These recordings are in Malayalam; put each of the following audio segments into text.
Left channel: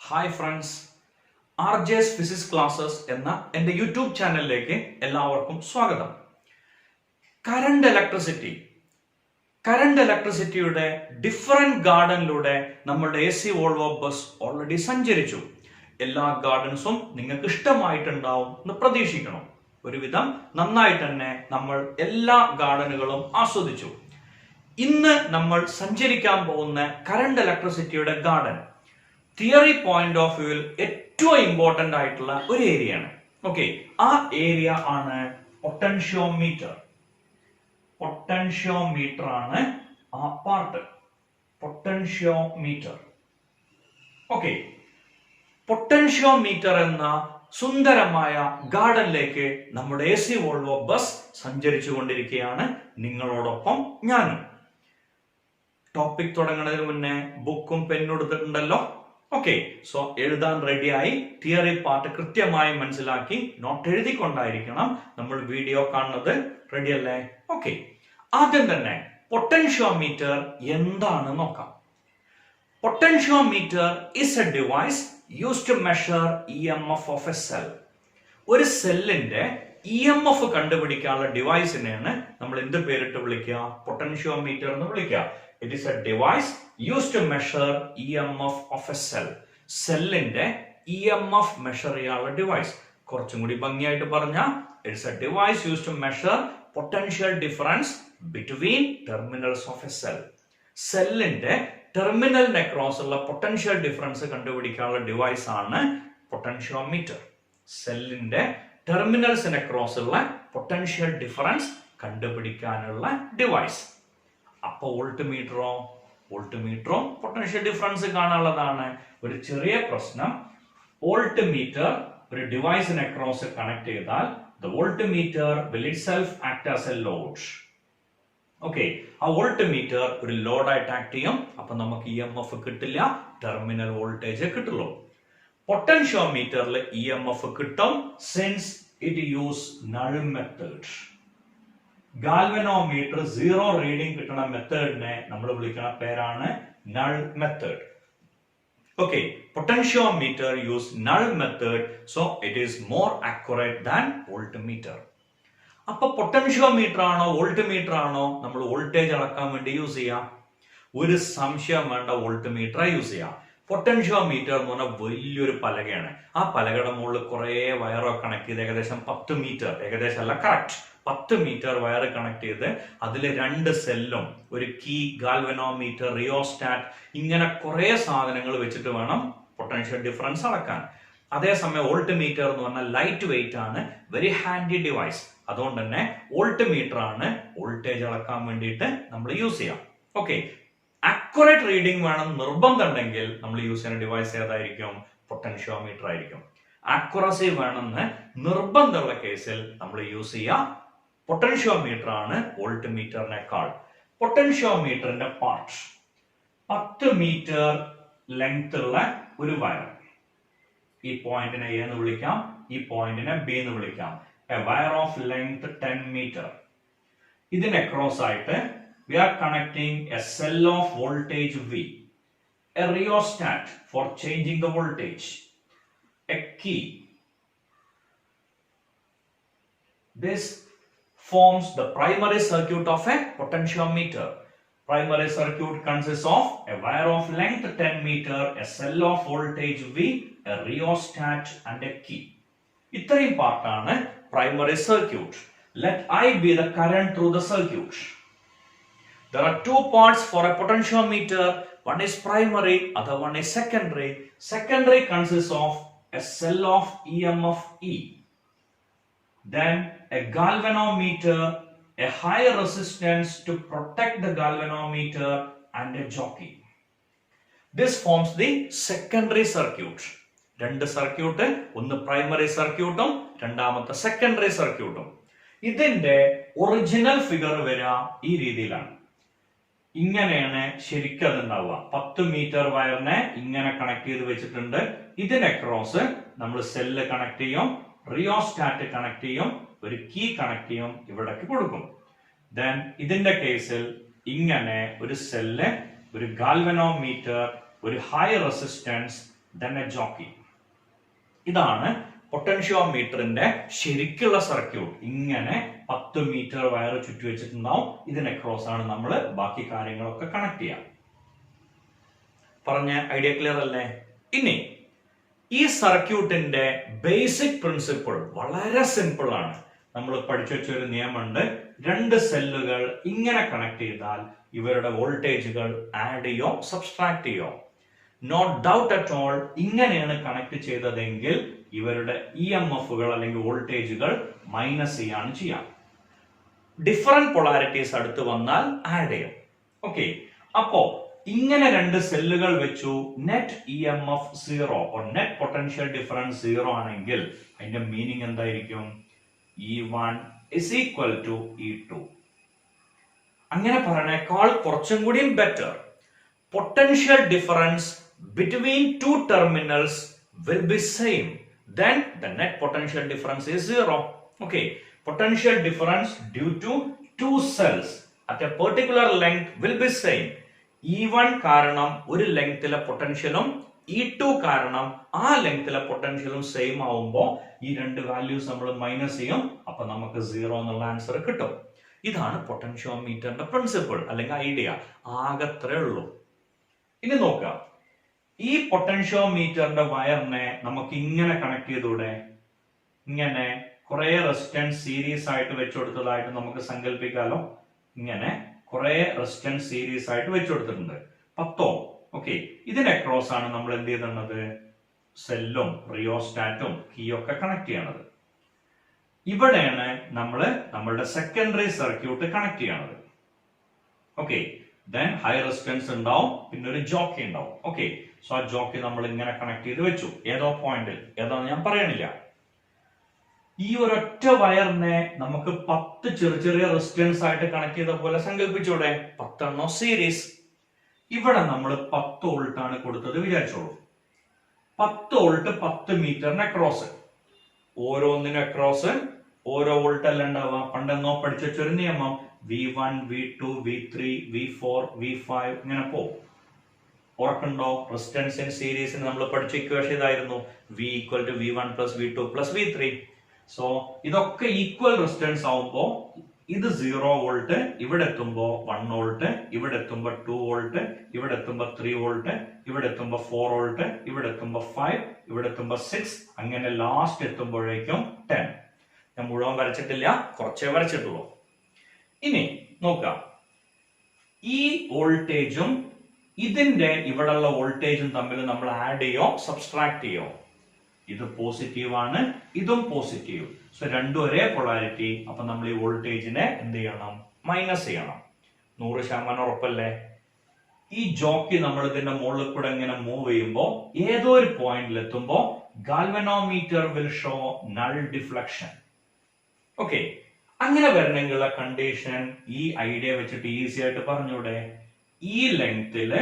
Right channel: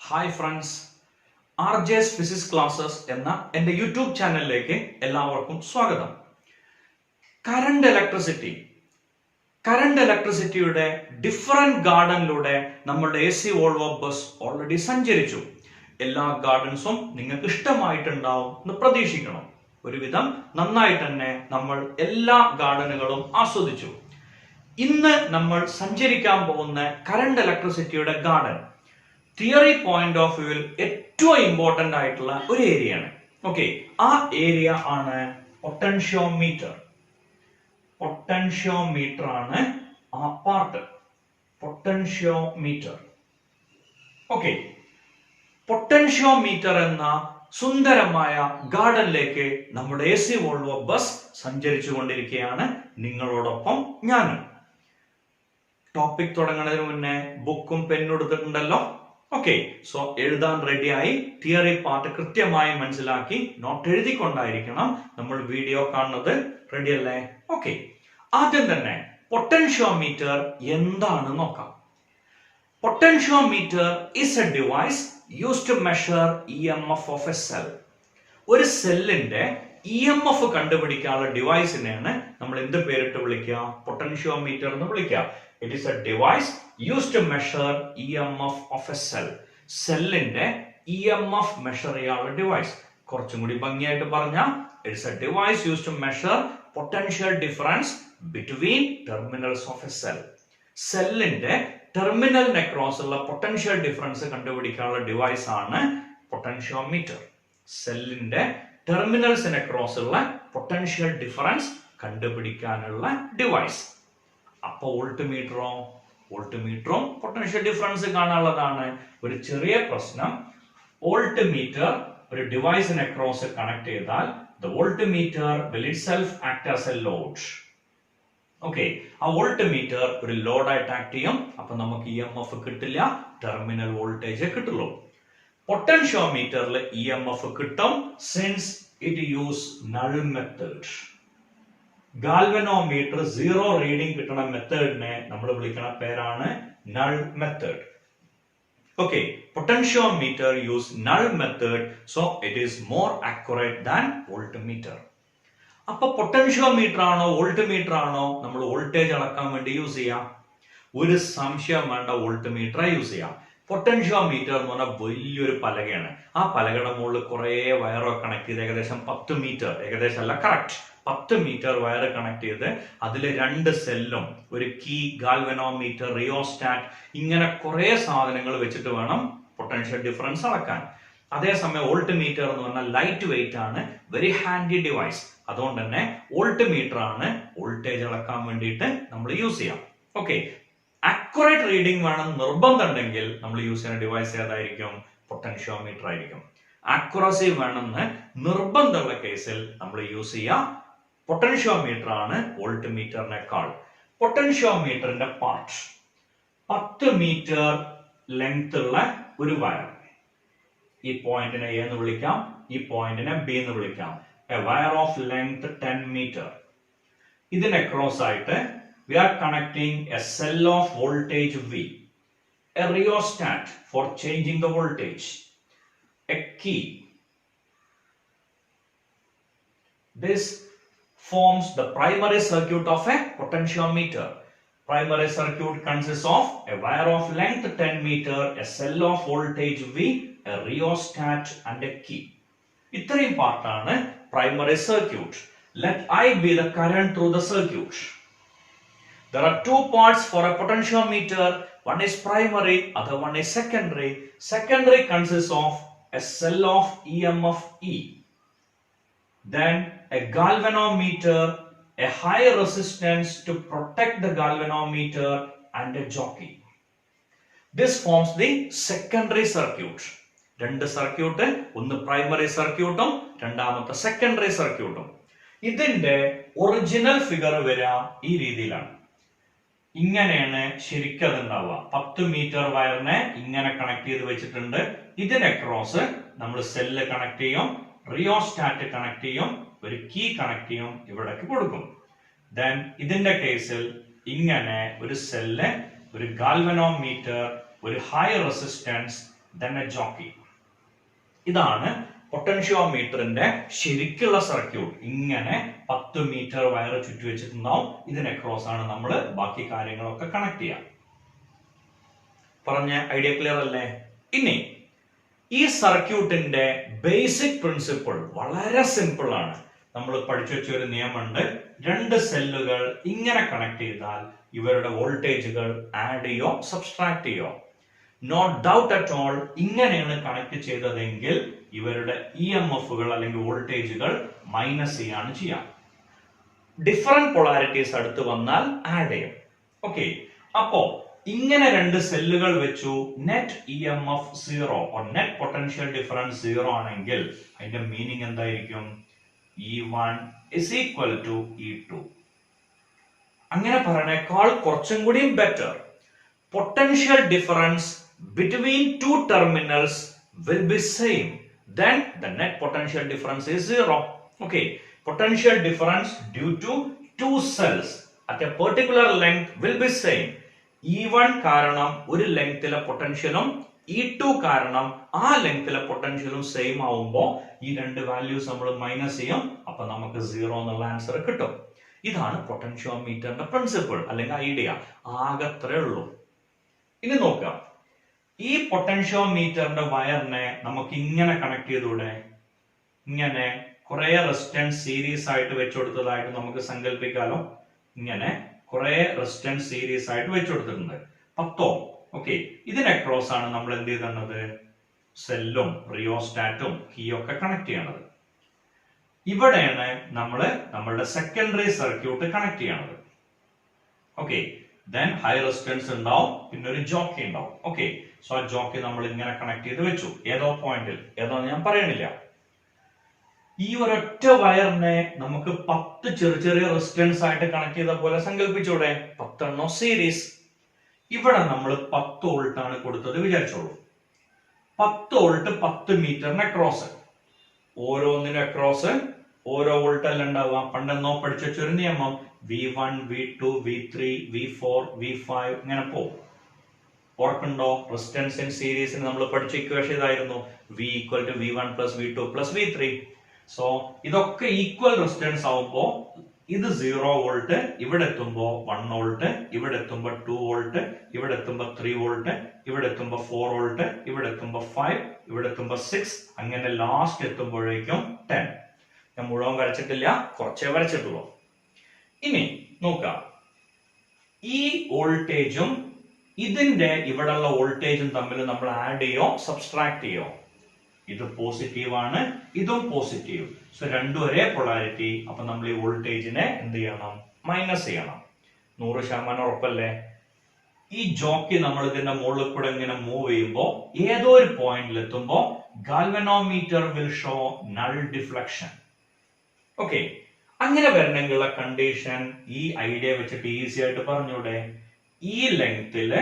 Hi friends, R J S physics classes എന്ന എൻ്റെ യൂട്യൂബ് ചാനലിലേക്ക് എല്ലാവർക്കും സ്വാഗതം. കറണ്ട് ഇലക്ട്രിസിറ്റിയുടെ ഡിഫറെന്റ് ഗാർഡനിലൂടെ നമ്മളുടെ AC വോൾവോ ബസ് ഓൾറെഡി സഞ്ചരിച്ചു. എല്ലാ ഗാർഡൻസും നിങ്ങൾക്ക് ഇഷ്ടമായിട്ടുണ്ടാവും എന്ന് പ്രതീക്ഷിക്കണം. ഒരുവിധം നന്നായിട്ട് തന്നെ നമ്മൾ എല്ലാ ഗാർഡനുകളും ആസ്വദിച്ചു. ഇന്ന് നമ്മൾ സഞ്ചരിക്കാൻ പോകുന്ന കറണ്ട് ഇലക്ട്രിസിറ്റിയുടെ ഗാർഡൻ തിയറി പോയിന്റ് ഓഫ് വ്യൂവിൽ ഏറ്റവും ഇമ്പോർട്ടന്റ് ആയിട്ടുള്ള ഒരു ഏരിയയാണ്. ഓക്കെ, ആ ഏരിയ ആണ് പൊട്ടൻഷ്യോമീറ്റർ. പൊട്ടൻഷ്യോമീറ്റർ ആണ് ആ പാർട്ട്. പൊട്ടൻഷ്യോമീറ്റർ. ഓക്കെ, പൊട്ടൻഷ്യോമീറ്റർ എന്ന സുന്ദരമായ ഗാർഡനിലേക്ക് നമ്മുടെ AC വോൾവോ ബസ് സഞ്ചരിച്ചു കൊണ്ടിരിക്കുകയാണ്. നിങ്ങളോടൊപ്പം ഞാനും. ടോപ്പിക് തുടങ്ങുന്നതിന് മുന്നേ ബുക്കും പെന്നും എടുത്തിട്ടുണ്ടല്ലോ. ഓക്കെ, സോ എഴുതാൻ റെഡിയായി. തിയറി പാർട്ട് കൃത്യമായി മനസ്സിലാക്കി നോട്ട് എഴുതിക്കൊണ്ടായിരിക്കണം നമ്മൾ വീഡിയോ കാണുന്നത്. റെഡി അല്ലേ? ഓക്കെ, ആദ്യം തന്നെ പൊട്ടൻഷ്യോമീറ്റർ എന്താണ് നോക്കാം. Potentiometer is a device used to measure EMF of a cell. ഒരു സെല്ലിന്റെ EMF കണ്ടുപിടിക്കാനുള്ള ഡിവൈസിനെയാണ് നമ്മൾ എന്ത് പേരിട്ട് വിളിക്കുക? പൊട്ടൻഷ്യോമീറ്റർ എന്ന് വിളിക്കുക. It is a device used to measure EMF of a cell. സെല്ലിന്റെ EMF മെഷർ ചെയ്യാനുള്ള ഡിവൈസ്. കുറച്ചും കൂടി ഭംഗിയായിട്ട് പറഞ്ഞാൽ it is a device used to measure potential difference between terminals of a cell. സെല്ലിന്റെ ടെർമിനലിന് അക്രോസ് ഉള്ള പൊട്ടൻഷ്യൽ ഡിഫറൻസ് കണ്ടുപിടിക്കാനുള്ള ഡിവൈസ് ആണ് പൊട്ടൻഷ്യോമീറ്റർ. സെല്ലിന്റെ ടെർമിനൽസിന് അക്രോസ് ഉള്ള പൊട്ടൻഷ്യൽ ഡിഫറൻസ് കണ്ടുപിടിക്കാനുള്ള ഡിവൈസ്. അപ്പൊ വോൾട്ട്മീറ്ററും പൊട്ടൻഷ്യൽ ഡിഫറൻസ് കാണാനുള്ളതാണ്. ഒരു ചെറിയ പ്രശ്നം, വോൾട്ട്മീറ്റർ ഒരു ഡിവൈസിന് അക്രോസ് കണക്ട് ചെയ്താൽ the voltmeter will itself act as a load. Okay, ആ വോൾട്ട്മീറ്റർ ഒരു ലോഡായിട്ട് ആക്ട് ചെയ്യും. അപ്പൊ നമുക്ക് EMF കിട്ടില്ല, ടെർമിനൽ വോൾട്ടേജ് കിട്ടുള്ളൂ. പൊട്ടൻഷ്യോമീറ്ററിൽ EMF കിട്ടും since it use null method. Galvanometer 0 reading കിട്ടുന്ന മെത്തേഡിനെ നമ്മൾ വിളിക്കുന്ന പേരാണ് null method. Okay, potentiometer use null method, so it is more accurate than voltmeter. അപ്പൊ പൊട്ടൻഷ്യോമീറ്റർ ആണോ വോൾട്ട്മീറ്റർ ആണോ നമ്മൾ വോൾട്ടേജ് അളക്കാൻ വേണ്ടി യൂസ് ചെയ്യാം? ഒരു സംശയം വേണ്ട, വോൾട്ട്മീറ്റർ യൂസ് ചെയ്യാം. പൊട്ടൻഷ്യോമീറ്റർ എന്ന് പറഞ്ഞാൽ വലിയൊരു പലകയാണ്. ആ പലകയുടെ മുകളിൽ കുറെ വയറൊക്കെ കണക്ട് ചെയ്ത് ഏകദേശം 10 മീറ്റർ, ഏകദേശം അല്ല കറക്റ്റ് 10 മീറ്റർ വയർ കണക്ട് ചെയ്ത് അതിൽ 2 സെല്ലും ഒരു കീ, ഗാൽവനോമീറ്റർ, റിയോസ്റ്റാറ്റ്, ഇങ്ങനെ കുറെ സാധനങ്ങൾ വെച്ചിട്ട് വേണം പൊട്ടൻഷ്യൽ ഡിഫറൻസ് അളക്കാൻ. അതേസമയം വോൾട്ട്മീറ്റർ എന്ന് പറഞ്ഞാൽ ലൈറ്റ് വെയിറ്റ് ആണ്, വെരി ഹാൻഡി ഡിവൈസ്. അതുകൊണ്ട് തന്നെ വോൾട്ട്മീറ്റർ ആണ് വോൾട്ടേജ് അളക്കാൻ വേണ്ടിയിട്ട് നമ്മൾ യൂസ് ചെയ്യാം. ഓക്കെ, അക്യുറേറ്റ് റീഡിംഗ് വേണം നിർബന്ധം ഉണ്ടെങ്കിൽ നമ്മൾ യൂസ് ചെയ്യുന്ന ഡിവൈസ് ഏതായിരിക്കും? പൊട്ടൻഷ്യോമീറ്റർ ആയിരിക്കും. അക്യുറസി വേണമെന്ന് നിർബന്ധമുള്ള കേസിൽ നമ്മൾ യൂസ് ചെയ്യാം പൊട്ടൻഷ്യോമീറ്റർ ആണ് വോൾട്ട്മീറ്ററിനേക്കാൾ. പൊട്ടൻഷ്യോമീറ്ററിന്റെ പാർട്ട് 10 മീറ്റർ ലെങ്ത് ഉള്ള ഒരു വയർ. ഈ പോയിന്റിനെ A എന്ന് വിളിക്കാം, ഈ പോയിന്റിനെ B എന്ന് വിളിക്കാം. A wire of length 10 metre. ഇതിനെ ക്രോസ് ആയിട്ട് we are connecting a cell of voltage V, a rheostat for changing the voltage, a key. This forms the primary circuit of a potentiometer. Primary circuit consists of a wire of length 10 meter, a cell of voltage V, a rheostat and a key. ഇത്രയും പാർട്ടാണ് primary circuit. Let I be the current through the circuit. There are 2 parts for a potentiometer. One is primary, other one is secondary. Secondary consists of a cell of EMF E. Then a galvanometer, a high resistance to protect the galvanometer, and a jockey. This forms the secondary circuit. രണ്ട് സർക്യൂട്ട്, ഒന്ന് പ്രൈമറി സർക്യൂട്ടും രണ്ടാമത്തെ സെക്കൻഡറി സർക്യൂട്ടും. ഇതിന്റെ ഒറിജിനൽ ഫിഗർ വരിക ഈ രീതിയിലാണ്. ഇങ്ങനെയാണ് ശരിക്കും അതുണ്ടാവുക. 10 മീറ്റർ വയറിനെ ഇങ്ങനെ കണക്ട് ചെയ്ത് വെച്ചിട്ടുണ്ട്. ഇതിനെ ക്രോസ് നമ്മൾ സെല്ല് കണക്ട് ചെയ്യും, റിയോസ്റ്റാറ്റ് കണക്ട് ചെയ്യും, ഒരു കീ കണക്ട് ചെയ്യും, ഇവിടേക്ക് കൊടുക്കും. ദെൻ ഇതിന്റെ കേസിൽ ഇങ്ങനെ ഒരു സെല്ല്, ഒരു ഗാൽവനോമീറ്റർ, ഒരു high resistance, then a jockey. ഇതാണ് പൊട്ടൻഷ്യോമീറ്ററിന്റെ ശരിക്കുള്ള സർക്യൂട്ട്. ഇങ്ങനെ 10 മീറ്റർ വയർ ചുറ്റി വെച്ചിട്ടുണ്ടാവും. ഇതിനെ ക്രോസ് ആണ് നമ്മൾ ബാക്കി കാര്യങ്ങളൊക്കെ കണക്ട് ചെയ്യാം. പറഞ്ഞ ഐഡിയ ക്ലിയർ അല്ലേ? ഇനി ഈ സർക്യൂട്ടിന്റെ ബേസിക് പ്രിൻസിപ്പിൾ വളരെ സിമ്പിൾ ആണ്. നമ്മൾ പഠിച്ചു വെച്ച ഒരു നിയമമുണ്ട്. 2 സെല്ലുകൾ ഇങ്ങനെ കണക്ട് ചെയ്താൽ ഇവരുടെ വോൾട്ടേജുകൾ ആഡ് ചെയ്യോ സബ്സ്ട്രാക്ട് ചെയ്യോ. നോ ഡൗട്ട് അറ്റ് ഓൾ ഇങ്ങനെയാണ് കണക്ട് ചെയ്തതെങ്കിൽ ഇവരുടെ EMFകൾ അല്ലെങ്കിൽ വോൾട്ടേജുകൾ മൈനസ് ചെയ്യാണ് ചെയ്യാം. ഡിഫറെന്റ് പൊളാരിറ്റീസ് അടുത്ത് വന്നാൽ ആഡ് ചെയ്യും. ഓക്കെ, അപ്പോ ഇങ്ങനെ 2 സെല്ലുകൾ വെച്ചു net EMF 0 net potential difference 0 ആണെങ്കിൽ അതിന്റെ മീനിങ് എന്തായിരിക്കും? E1 is equal to E2. അങ്ങനെ പറയണേക്കാൾ കുറച്ചും കൂടി better. Potential difference between 2 terminals will be same, then the net potential difference is 0. Okay, potential difference due to 2 cells at a particular length will be same. E1 കാരണം ഒരു ലെങ്തിലെ പൊട്ടൻഷ്യലും E2 കാരണം ആ ലെങ്തിലെ പൊട്ടൻഷ്യലും സെയിം ആവുമ്പോൾ ഈ 2 വാല്യൂസ് നമ്മൾ മൈനസ് ചെയ്യും. അപ്പൊ നമുക്ക് 0 എന്നുള്ള ആൻസർ കിട്ടും. ഇതാണ് പൊട്ടൻഷ്യോമീറ്ററിന്റെ പ്രിൻസിപ്പിൾ അല്ലെങ്കിൽ ഐഡിയ. ആകത്രേ ഉള്ളൂ. ഇനി നോക്കാം, ഈ പൊട്ടൻഷ്യോമീറ്ററിന്റെ വയറിനെ നമുക്ക് ഇങ്ങനെ കണക്ട് ചെയ്തൂടെ? ഇങ്ങനെ കുറെ റെസിസ്റ്റൻസ് സീരീസ് ആയിട്ട് വെച്ചുകൊടുത്തതായിട്ട് നമുക്ക് സങ്കല്പിക്കാലോ. ഇങ്ങനെ കുറെ റെസിസ്റ്റൻസ് സീരീസ് ആയിട്ട് വെച്ചുകൊടുത്തിട്ടുണ്ട് 10 ഓം. ഓക്കെ, ഇതിനെ ക്രോസ് ആണ് നമ്മൾ എന്ത് ചെയ്തത്? സെല്ലും റിയോസ്റ്റാറ്റും കീയൊക്കെ കണക്ട് ചെയ്യണത്. ഇവിടെയാണ് നമ്മൾ നമ്മളുടെ സെക്കൻഡറി സർക്യൂട്ട് കണക്ട് ചെയ്യണത്. ഓക്കെ, ദെൻ ഹൈ റെസിസ്റ്റൻസ് ഉണ്ടാവും, പിന്നെ ഒരു ജോക്കി ഉണ്ടാവും. ഓക്കെ, സോ ആ ജോക്കി നമ്മൾ ഇങ്ങനെ കണക്ട് ചെയ്ത് വെച്ചു. ഏതോ പോയിന്റിൽ, ഏതോ ഞാൻ പറയണില്ല. ഈ ഒരൊറ്റ വയറിനെ നമുക്ക് 10 ചെറിയ ചെറിയ റെസിസ്റ്റൻസ് ആയിട്ട് കണക്ട് ചെയ്ത പോലെ സങ്കല്പിച്ചൂടെ? 10 സീരീസ്. ഇവിടെ നമ്മൾ 10 വോൾട്ട് ആണ് കൊടുത്തത് വിചാരിച്ചോളൂ. 10 വോൾട്ട് 10 മീറ്ററിന് അക്രോസ്. ഓരോന്നിനും അക്രോസ് ഓരോ വോൾട്ട് അല്ല ഉണ്ടാവുക. പണ്ടെന്നോ പഠിച്ചു വെച്ചൊരു നിയമം V1, V2, V3, V4, V5 ഇങ്ങനെ പോകും. ഓർക്കുണ്ടോ? റെസിസ്റ്റൻസ് ഇൻ സീരീസിന് നമ്മൾ പഠിച്ച ഇക്വേഷൻ ഇതായിരുന്നു. V equal to V1 plus V2 plus V3. So ഇതൊക്കെ ഈക്വൽ റെസിസ്റ്റൻസ് ആവുമ്പോ ഇത് 0 വോൾട്ട്, ഇവിടെ എത്തുമ്പോ 1 വോൾട്ട്, ഇവിടെ എത്തുമ്പോ 2 വോൾട്ട്, ഇവിടെ എത്തുമ്പോ 3 വോൾട്ട്, ഇവിടെ എത്തുമ്പോ 4 വോൾട്ട്, ഇവിടെ എത്തുമ്പോ 5, ഇവിടെ എത്തുമ്പോ 6, അങ്ങനെ ലാസ്റ്റ് എത്തുമ്പോഴേക്കും 10. ഞാൻ മുഴുവൻ വരച്ചിട്ടില്ല, കുറച്ചേ വരച്ചിട്ടുള്ളൂ. ഇനി നോക്കാം, ഈ വോൾട്ടേജും ഇതിന്റെ ഇവിടെയുള്ള വോൾട്ടേജും തമ്മിൽ നമ്മൾ ആഡ് ചെയ്യോ സബ്സ്ട്രാക്ട് ചെയ്യോ? ഇത് പോസിറ്റീവ് ആണ്, ഇതും പോസിറ്റീവ്. സോ രണ്ടും ഒരേ പൊളാരിറ്റി. അപ്പൊ നമ്മൾ ഈ വോൾട്ടേജിനെ എന്ത് ചെയ്യണം? മൈനസ് ചെയ്യണം. 100% ഉറപ്പല്ലേ? ഈ ജോക്കി നമ്മൾ ഇതിന്റെ മുകളിൽ കൂടെ ഇങ്ങനെ മൂവ് ചെയ്യുമ്പോ ഏതോ ഒരു പോയിന്റിൽ എത്തുമ്പോ galvanometer will show null deflection. Okay, അങ്ങനെ വരണമെങ്കിലുള്ള കണ്ടീഷൻ ഈ ഐഡിയ വെച്ചിട്ട് ഈസി ആയിട്ട് പറഞ്ഞൂടെ? ഈ ലെങ്തില്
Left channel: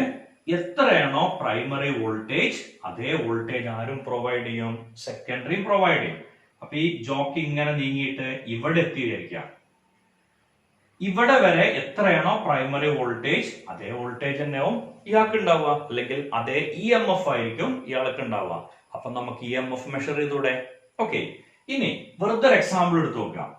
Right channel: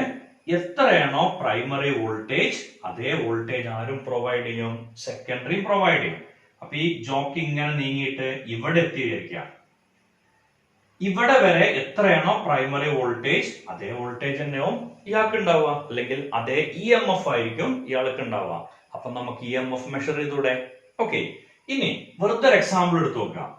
എത്രയാണോ പ്രൈമറി വോൾട്ടേജ് അതേ വോൾട്ടേജ് ആരും പ്രൊവൈഡ് ചെയ്യും? സെക്കൻഡറിയും പ്രൊവൈഡ് ചെയ്യും. അപ്പൊ ഈ ജോക്കി ഇങ്ങനെ നീങ്ങിയിട്ട് ഇവിടെ എത്തിയിരിക്കുക. ഇവിടെ വരെ എത്രയാണോ പ്രൈമറി വോൾട്ടേജ് അതേ വോൾട്ടേജ് തന്നെയാവും ഇയാൾക്ക് ഉണ്ടാവുക, അല്ലെങ്കിൽ അതേ EMF ആയിരിക്കും ഇയാൾക്ക് ഉണ്ടാവുക. അപ്പൊ നമുക്ക് EMF മെഷർ ചെയ്തൂടെ? ഓക്കെ, ഇനി വെറുതെ എക്സാമ്പിൾ എടുത്ത് നോക്കാം.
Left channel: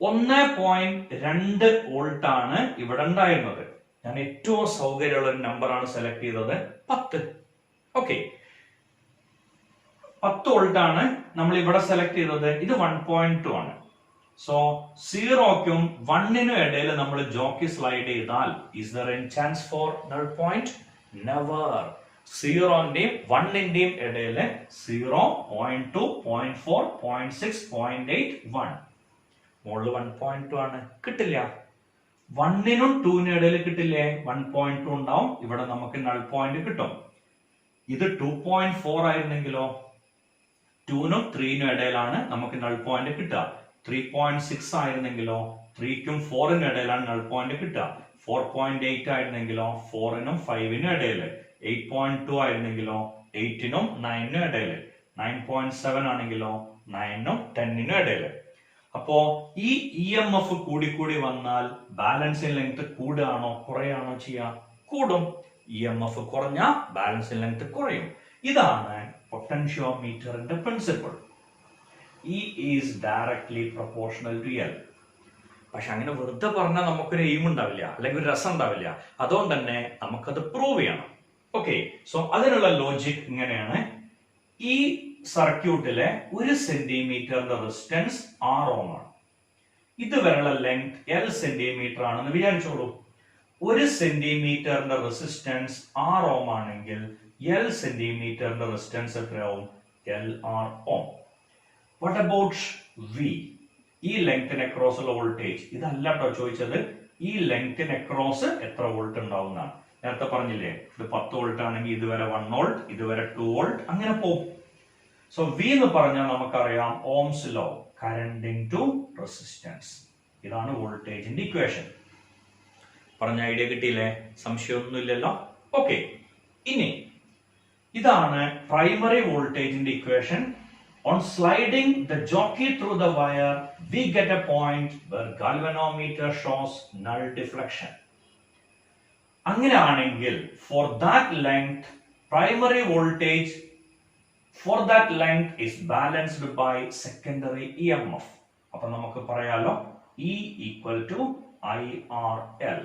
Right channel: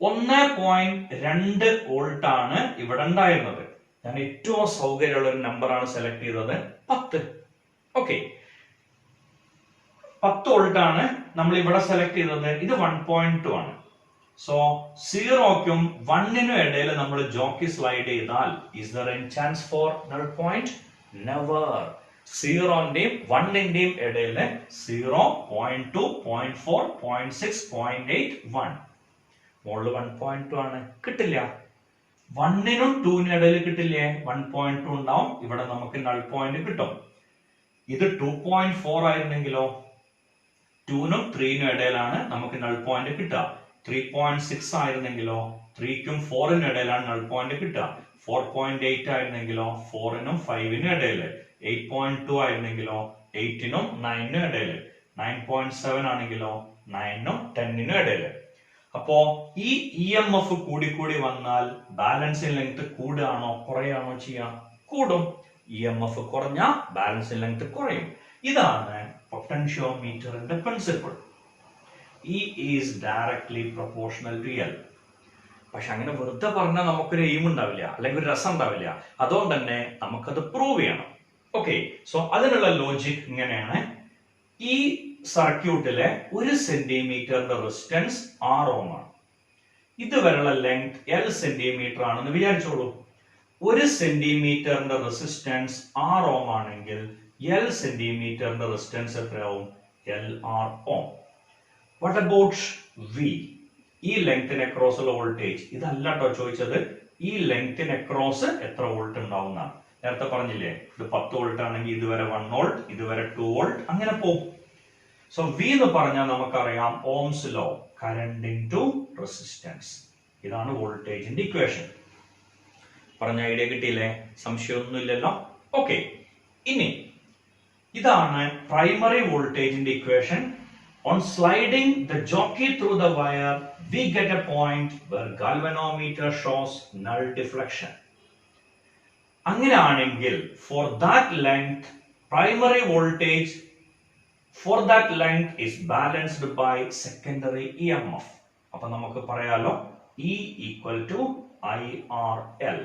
1.2 വോൾട്ട് ആണ് ഇവിടെ ഉണ്ടായിരുന്നത്. ഞാൻ ഏറ്റവും സൗകര്യമുള്ള ഒരു നമ്പർ ആണ് സെലക്ട് ചെയ്തത് 10. ഓക്കെ, 10 വോൾട്ട് ആണ് നമ്മൾ ഇവിടെ സെലക്ട് ചെയ്തത്. ഇത് 1.2 ആണ്. സോ 0ക്കും 1നും ഇടയിൽ നമ്മൾ ജോക്കി സ്ലൈഡ് ചെയ്താൽ is there any chance for null point? Never. 0ന്റെയും 1ന്റെയും ഇടയിൽ 0, 0.2, 0.4, 0.6, 0.8, 1. മുകളിൽ 1.2 ആണ്, കിട്ടില്ല. 1നും 2നും ഇടയിൽ കിട്ടില്ലേ? 1.2 ഉണ്ടാവും. ഇവിടെ നമുക്ക് നൾ പോയിന്റ് കിട്ടും. ഇത് 2.4 ആയിരുന്നെങ്കിലോ? 2നും 3നും ഇടയിലാണ് നമുക്ക് നൾ പോയിന്റ് കിട്ടുക. 3.6 ആയിരുന്നെങ്കിലോ? 3ക്കും 4നും ഇടയിലാണ് നൾ പോയിന്റ് കിട്ടുക. 4.8 ആയിരുന്നെങ്കിലോ? 4നും 5നും ഇടയിൽ. 8.2 ആയിരുന്നെങ്കിലോ? 8നും 9നും ഇടയിൽ. 9.7 ആണെങ്കിലോ? 9നും 10നും ഇടയിൽ. അപ്പോ ഈ EMF കൂടി വന്നാൽ ബാലൻസിംഗ് ലെങ്ത് കൂടുകയാണോ കുറയാണോ ചെയ്യാ? കൂടും. EMF കുറഞ്ഞാൽ ബാലൻസിംഗ് ലെങ്ത് കുറയും. ഇതാണ് പൊട്ടൻഷ്യോമീറ്ററിന്റെ principle. E is directly proportional to L. പക്ഷെ അങ്ങനെ വെറുതെ പറഞ്ഞാൽ നമുക്കൊരു എയിം ഉണ്ടാവില്ല, അല്ലെങ്കിൽ ഒരു രസം ഉണ്ടാവില്ല. അതുകൊണ്ട് തന്നെ നമുക്കത് പ്രൂവ് ചെയ്യണം. ഓക്കെ, സോ അതിനുള്ള ലോജിക് ഇങ്ങനെയാണ്. ഈ സർക്യൂട്ടിലെ 1 സെന്റിമീറ്ററിന്റെ റെസിസ്റ്റൻസ് 6 ഓം ആണ്. ഇതുവരെയുള്ള ലെങ്ത് L സെന്റിമീറ്റർ ആണെന്ന് വിചാരിച്ചോളൂ. 1 സെന്റിമീറ്ററിന്റെ റെസിസ്റ്റൻസ് 6 ഓം ആണെങ്കിൽ L സെന്റിമീറ്ററിന്റെ റെസിസ്റ്റൻസ് എത്രയാവും? LR ohm. What about V? ഈ ലെങ്തിന് അക്രോസ് ഉള്ള വോൾട്ടേജ്. ഇതല്ല കേട്ടോ ചോദിച്ചത്. ഈ ലെങ്തിന് അക്രോസ് എത്ര വോൾട്ട് ഉണ്ടാവുന്നതാണ്. നേരത്തെ പറഞ്ഞില്ലേ, ഇത് 10 വോൾട്ട് ആണെങ്കിൽ ഇതുവരെ 1 വോൾട്ട്, ഇതുവരെ 2 വോൾട്ട്, അങ്ങനെ പോകും. സോ V എന്ന് പറഞ്ഞാൽ നമുക്കറിയാം Ohm's law, current into resistance. ഇതാണ് വോൾട്ടേജിന്റെ ഇക്വേഷൻ. പറഞ്ഞ ഐഡിയ കിട്ടിയില്ലേ? സംശയമൊന്നുമില്ലല്ലോ. ഓക്കെ, ഇനി ഇതാണ് പ്രൈമറി വോൾട്ടേജിന്റെ equation. On sliding the jockey through the wire, we get a point where galvanometer shows null deflection. അങ്ങനെയാണെങ്കിൽ for that length, primary voltage for that length is balanced by secondary EMF. അപ്പൊ നമുക്ക് പറയാലോ E equal to IRL.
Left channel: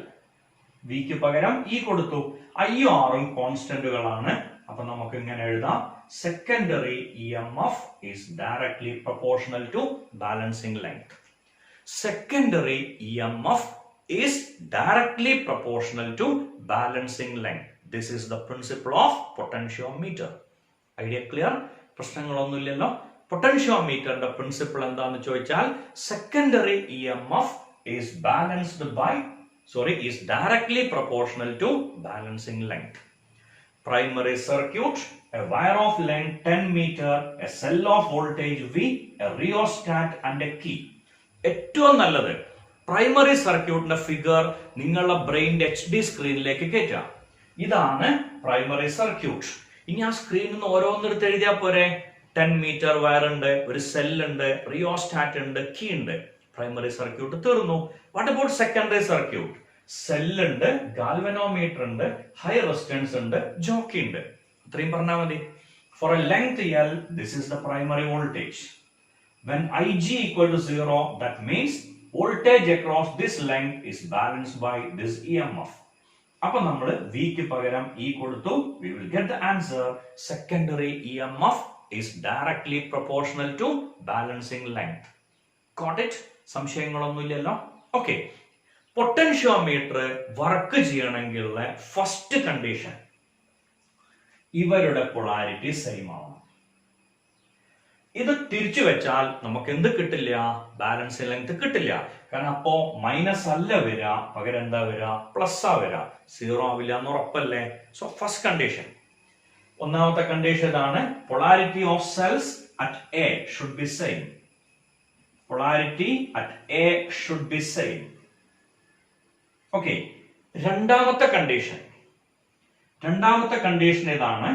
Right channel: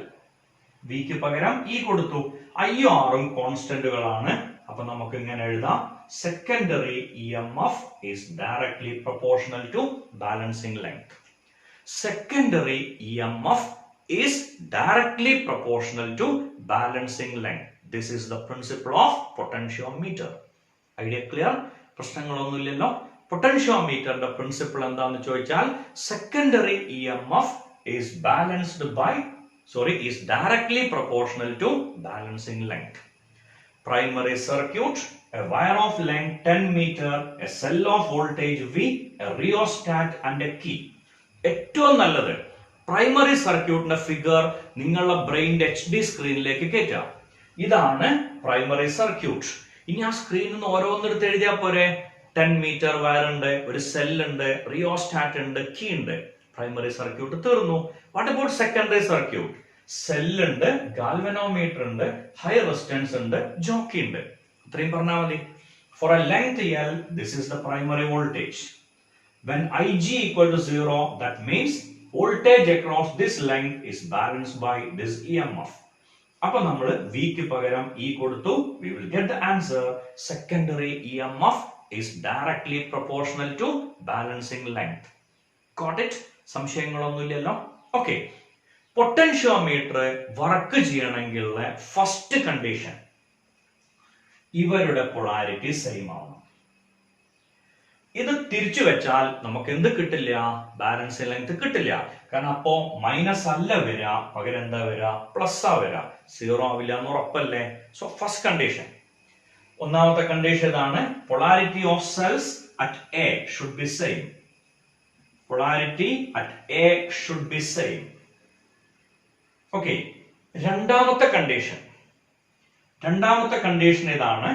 V ക്ക് പകരം E കൊടുത്തു. IR ഉം കോൺസ്റ്റന്റുകളാണ്. അപ്പൊ നമുക്ക് ഇങ്ങനെ എഴുതാം, secondary EMF is directly proportional to balancing length. Secondary EMF is directly proportional to balancing length. This is the principle of potentiometer. Idea clear? പ്രശ്നങ്ങളൊന്നുമില്ലല്ലോ. പൊട്ടൻഷ്യോമീറ്ററിന്റെ പ്രിൻസിപ്പിൾ എന്താണെന്ന് ചോദിച്ചാൽ secondary EMF is directly proportional to balancing length. Primary circuit, a wire of length 10 meter, a cell of voltage V, a rheostat and a key. ഏറ്റവും നല്ലത് പ്രൈമറി സർക്യൂട്ടിന്റെ ഫിഗർ നിങ്ങളുടെ ബ്രെയിനിന്റെ HD സ്ക്രീനിലേക്ക് കയറ്റാം. ഇതാണ് പ്രൈമറി സർക്യൂട്ട്. ഇനി ആ സ്ക്രീനിൽ നിന്ന് ഓരോന്നെടുത്ത് എഴുതിയാൽ പോരെ. 10 മീറ്റർ വയർ ഉണ്ട്, ഒരു സെൽ ഉണ്ട്, റിയോസ്റ്റാറ്റ് ഉണ്ട്, കീ ഉണ്ട്. പ്രൈമറി സർക്യൂട്ട് തീർന്നു. What about secondary circuit? സെല്ലുണ്ട്, ഗാൽവനോമീറ്റർ ഉണ്ട്, ഹൈ റെസിസ്റ്റൻസ് ഉണ്ട്, ജോക്കി ഉണ്ട്. ഇത്രയും പറഞ്ഞാൽ മതി. For a length L, this is the primary voltage. When Ig equal to 0, that means voltage across this length is balanced by this EMF. അപ്പൊ നമ്മൾ V ക്ക് പകരം E കൊടുത്തു. We will get the answer. Secondary EMF is directly proportional to balancing length. Got it? സംശയങ്ങളൊന്നുമില്ലല്ലോ. ഓക്കെ, പൊട്ടൻഷ്യോമീറ്റർ വർക്ക് ചെയ്യണമെങ്കിലുള്ള ഫസ്റ്റ് കണ്ടീഷൻ, ഇവരുടെ പൊളാരിറ്റി സെയിം ആവണം. ഇത് തിരിച്ചു വെച്ചാൽ നമുക്ക് എന്ത് കിട്ടില്ല? ബാലൻസിംഗ് ലെങ്ത് കിട്ടില്ല. കാരണം അപ്പോ മൈനസ് അല്ല വരിക, പകരം എന്താ വരിക? പ്ലസ് ആ വരിക. 0 ആവില്ല എന്ന് ഉറപ്പല്ലേ? So first condition. ഒന്നാമത്തെ കണ്ടീഷൻ ഇതാണ്, polarity of cells at A should be same. Polarity at A should be same. Okay, രണ്ടാമത്തെ കണ്ടീഷൻ ഇതാണ്,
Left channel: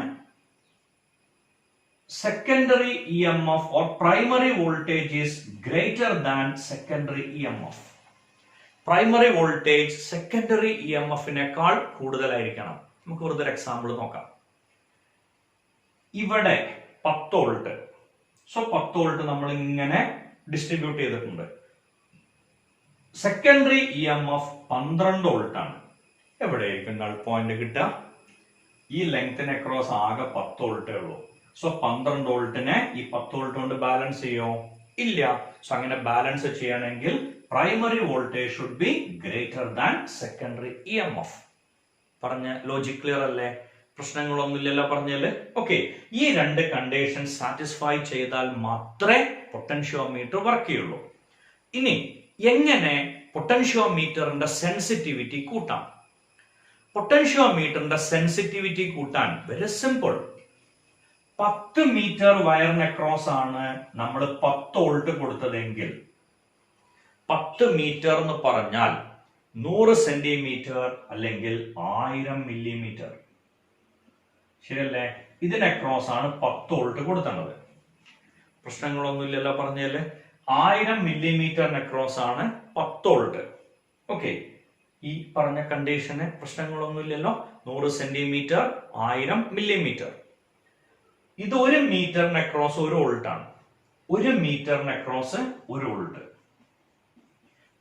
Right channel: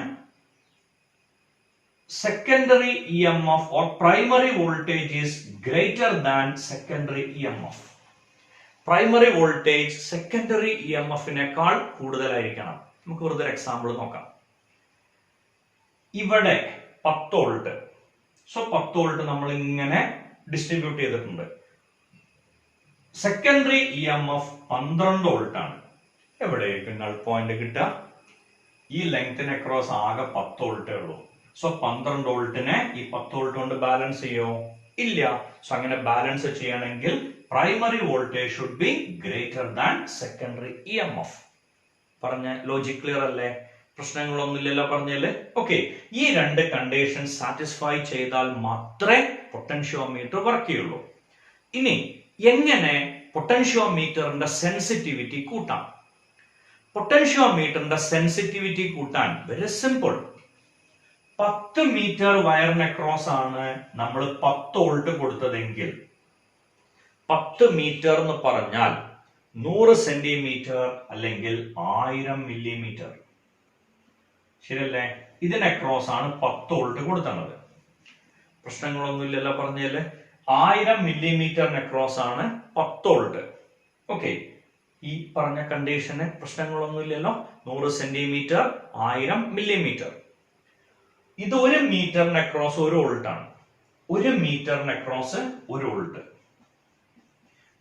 secondary EMF or primary voltage is greater than secondary EMF. Primary voltage secondary EMF നേക്കാൾ കൂടുതലായിരിക്കണം. നമുക്ക് വെറുതെ ഒരു എക്സാമ്പിൾ നോക്കാം. ഇവിടെ 10 വോൾട്ട്. സോ 10 വോൾട്ട് നമ്മൾ ഇങ്ങനെ ഡിസ്ട്രിബ്യൂട്ട് ചെയ്തിട്ടുണ്ട്. സെക്കൻഡറി EMF 12 വോൾട്ട് ആണ്. എവിടെയായിരിക്കും നൾ പോയിന്റ് കിട്ടുക? ഈ ലെങ്തിന് അക്രോസ് ആകെ 10 വോൾട്ടേ ഉള്ളൂ. സോ 12 വോൾട്ടിനെ ഈ 10 വോൾട്ട് കൊണ്ട് ബാലൻസ് ചെയ്യോ? ഇല്ല. സോ അങ്ങനെ ബാലൻസ് ചെയ്യണമെങ്കിൽ primary voltage should be greater than secondary EMF. പറഞ്ഞ ലോജിക് ക്ലിയർ അല്ലേ? പ്രശ്നങ്ങളൊന്നുമില്ലല്ലോ പറഞ്ഞാല്. ഓക്കെ, ഈ രണ്ട് കണ്ടീഷൻ സാറ്റിസ്ഫൈ ചെയ്താൽ മാത്രമേ പൊട്ടൻഷ്യോമീറ്റർ വർക്ക് ചെയ്യുള്ളൂ. ഇനി എങ്ങനെ പൊട്ടൻഷ്യോമീറ്ററിന്റെ സെൻസിറ്റിവിറ്റി കൂട്ടാം? പൊട്ടൻഷ്യോമീറ്ററിന്റെ സെൻസിറ്റിവിറ്റി കൂട്ടാൻ വെരി സിമ്പിൾ. 10 മീറ്റർ വയറിന് അക്രോസ് ആണ് നമ്മൾ 10 വോൾട്ട് കൊടുത്തതെങ്കിൽ 10 മീറ്റർ എന്ന് പറഞ്ഞാൽ 100 സെന്റിമീറ്റർ അല്ലെങ്കിൽ 1000 മില്ലിമീറ്റർ. ശരിയല്ലേ? ഇതിന് അക്രോസ് ആണ് 10 വോൾട്ട് കൊടുത്തേണ്ടത്. പ്രശ്നങ്ങളൊന്നുമില്ലല്ലോ പറഞ്ഞാല്. 1000 മില്ലിമീറ്ററിന് അക്രോസ് ആണ് 10 വോൾട്ട്. ഓക്കെ, ഈ പറഞ്ഞ കണ്ടീഷന് പ്രശ്നങ്ങളൊന്നുമില്ലല്ലോ. 100 സെന്റിമീറ്റർ, 1000 മില്ലിമീറ്റർ. ഇത് 1 മീറ്ററിന് അക്രോസ് 1 വോൾട്ട് ആണ്. 1 മീറ്ററിന് അക്രോസ് 1 വോൾട്ട്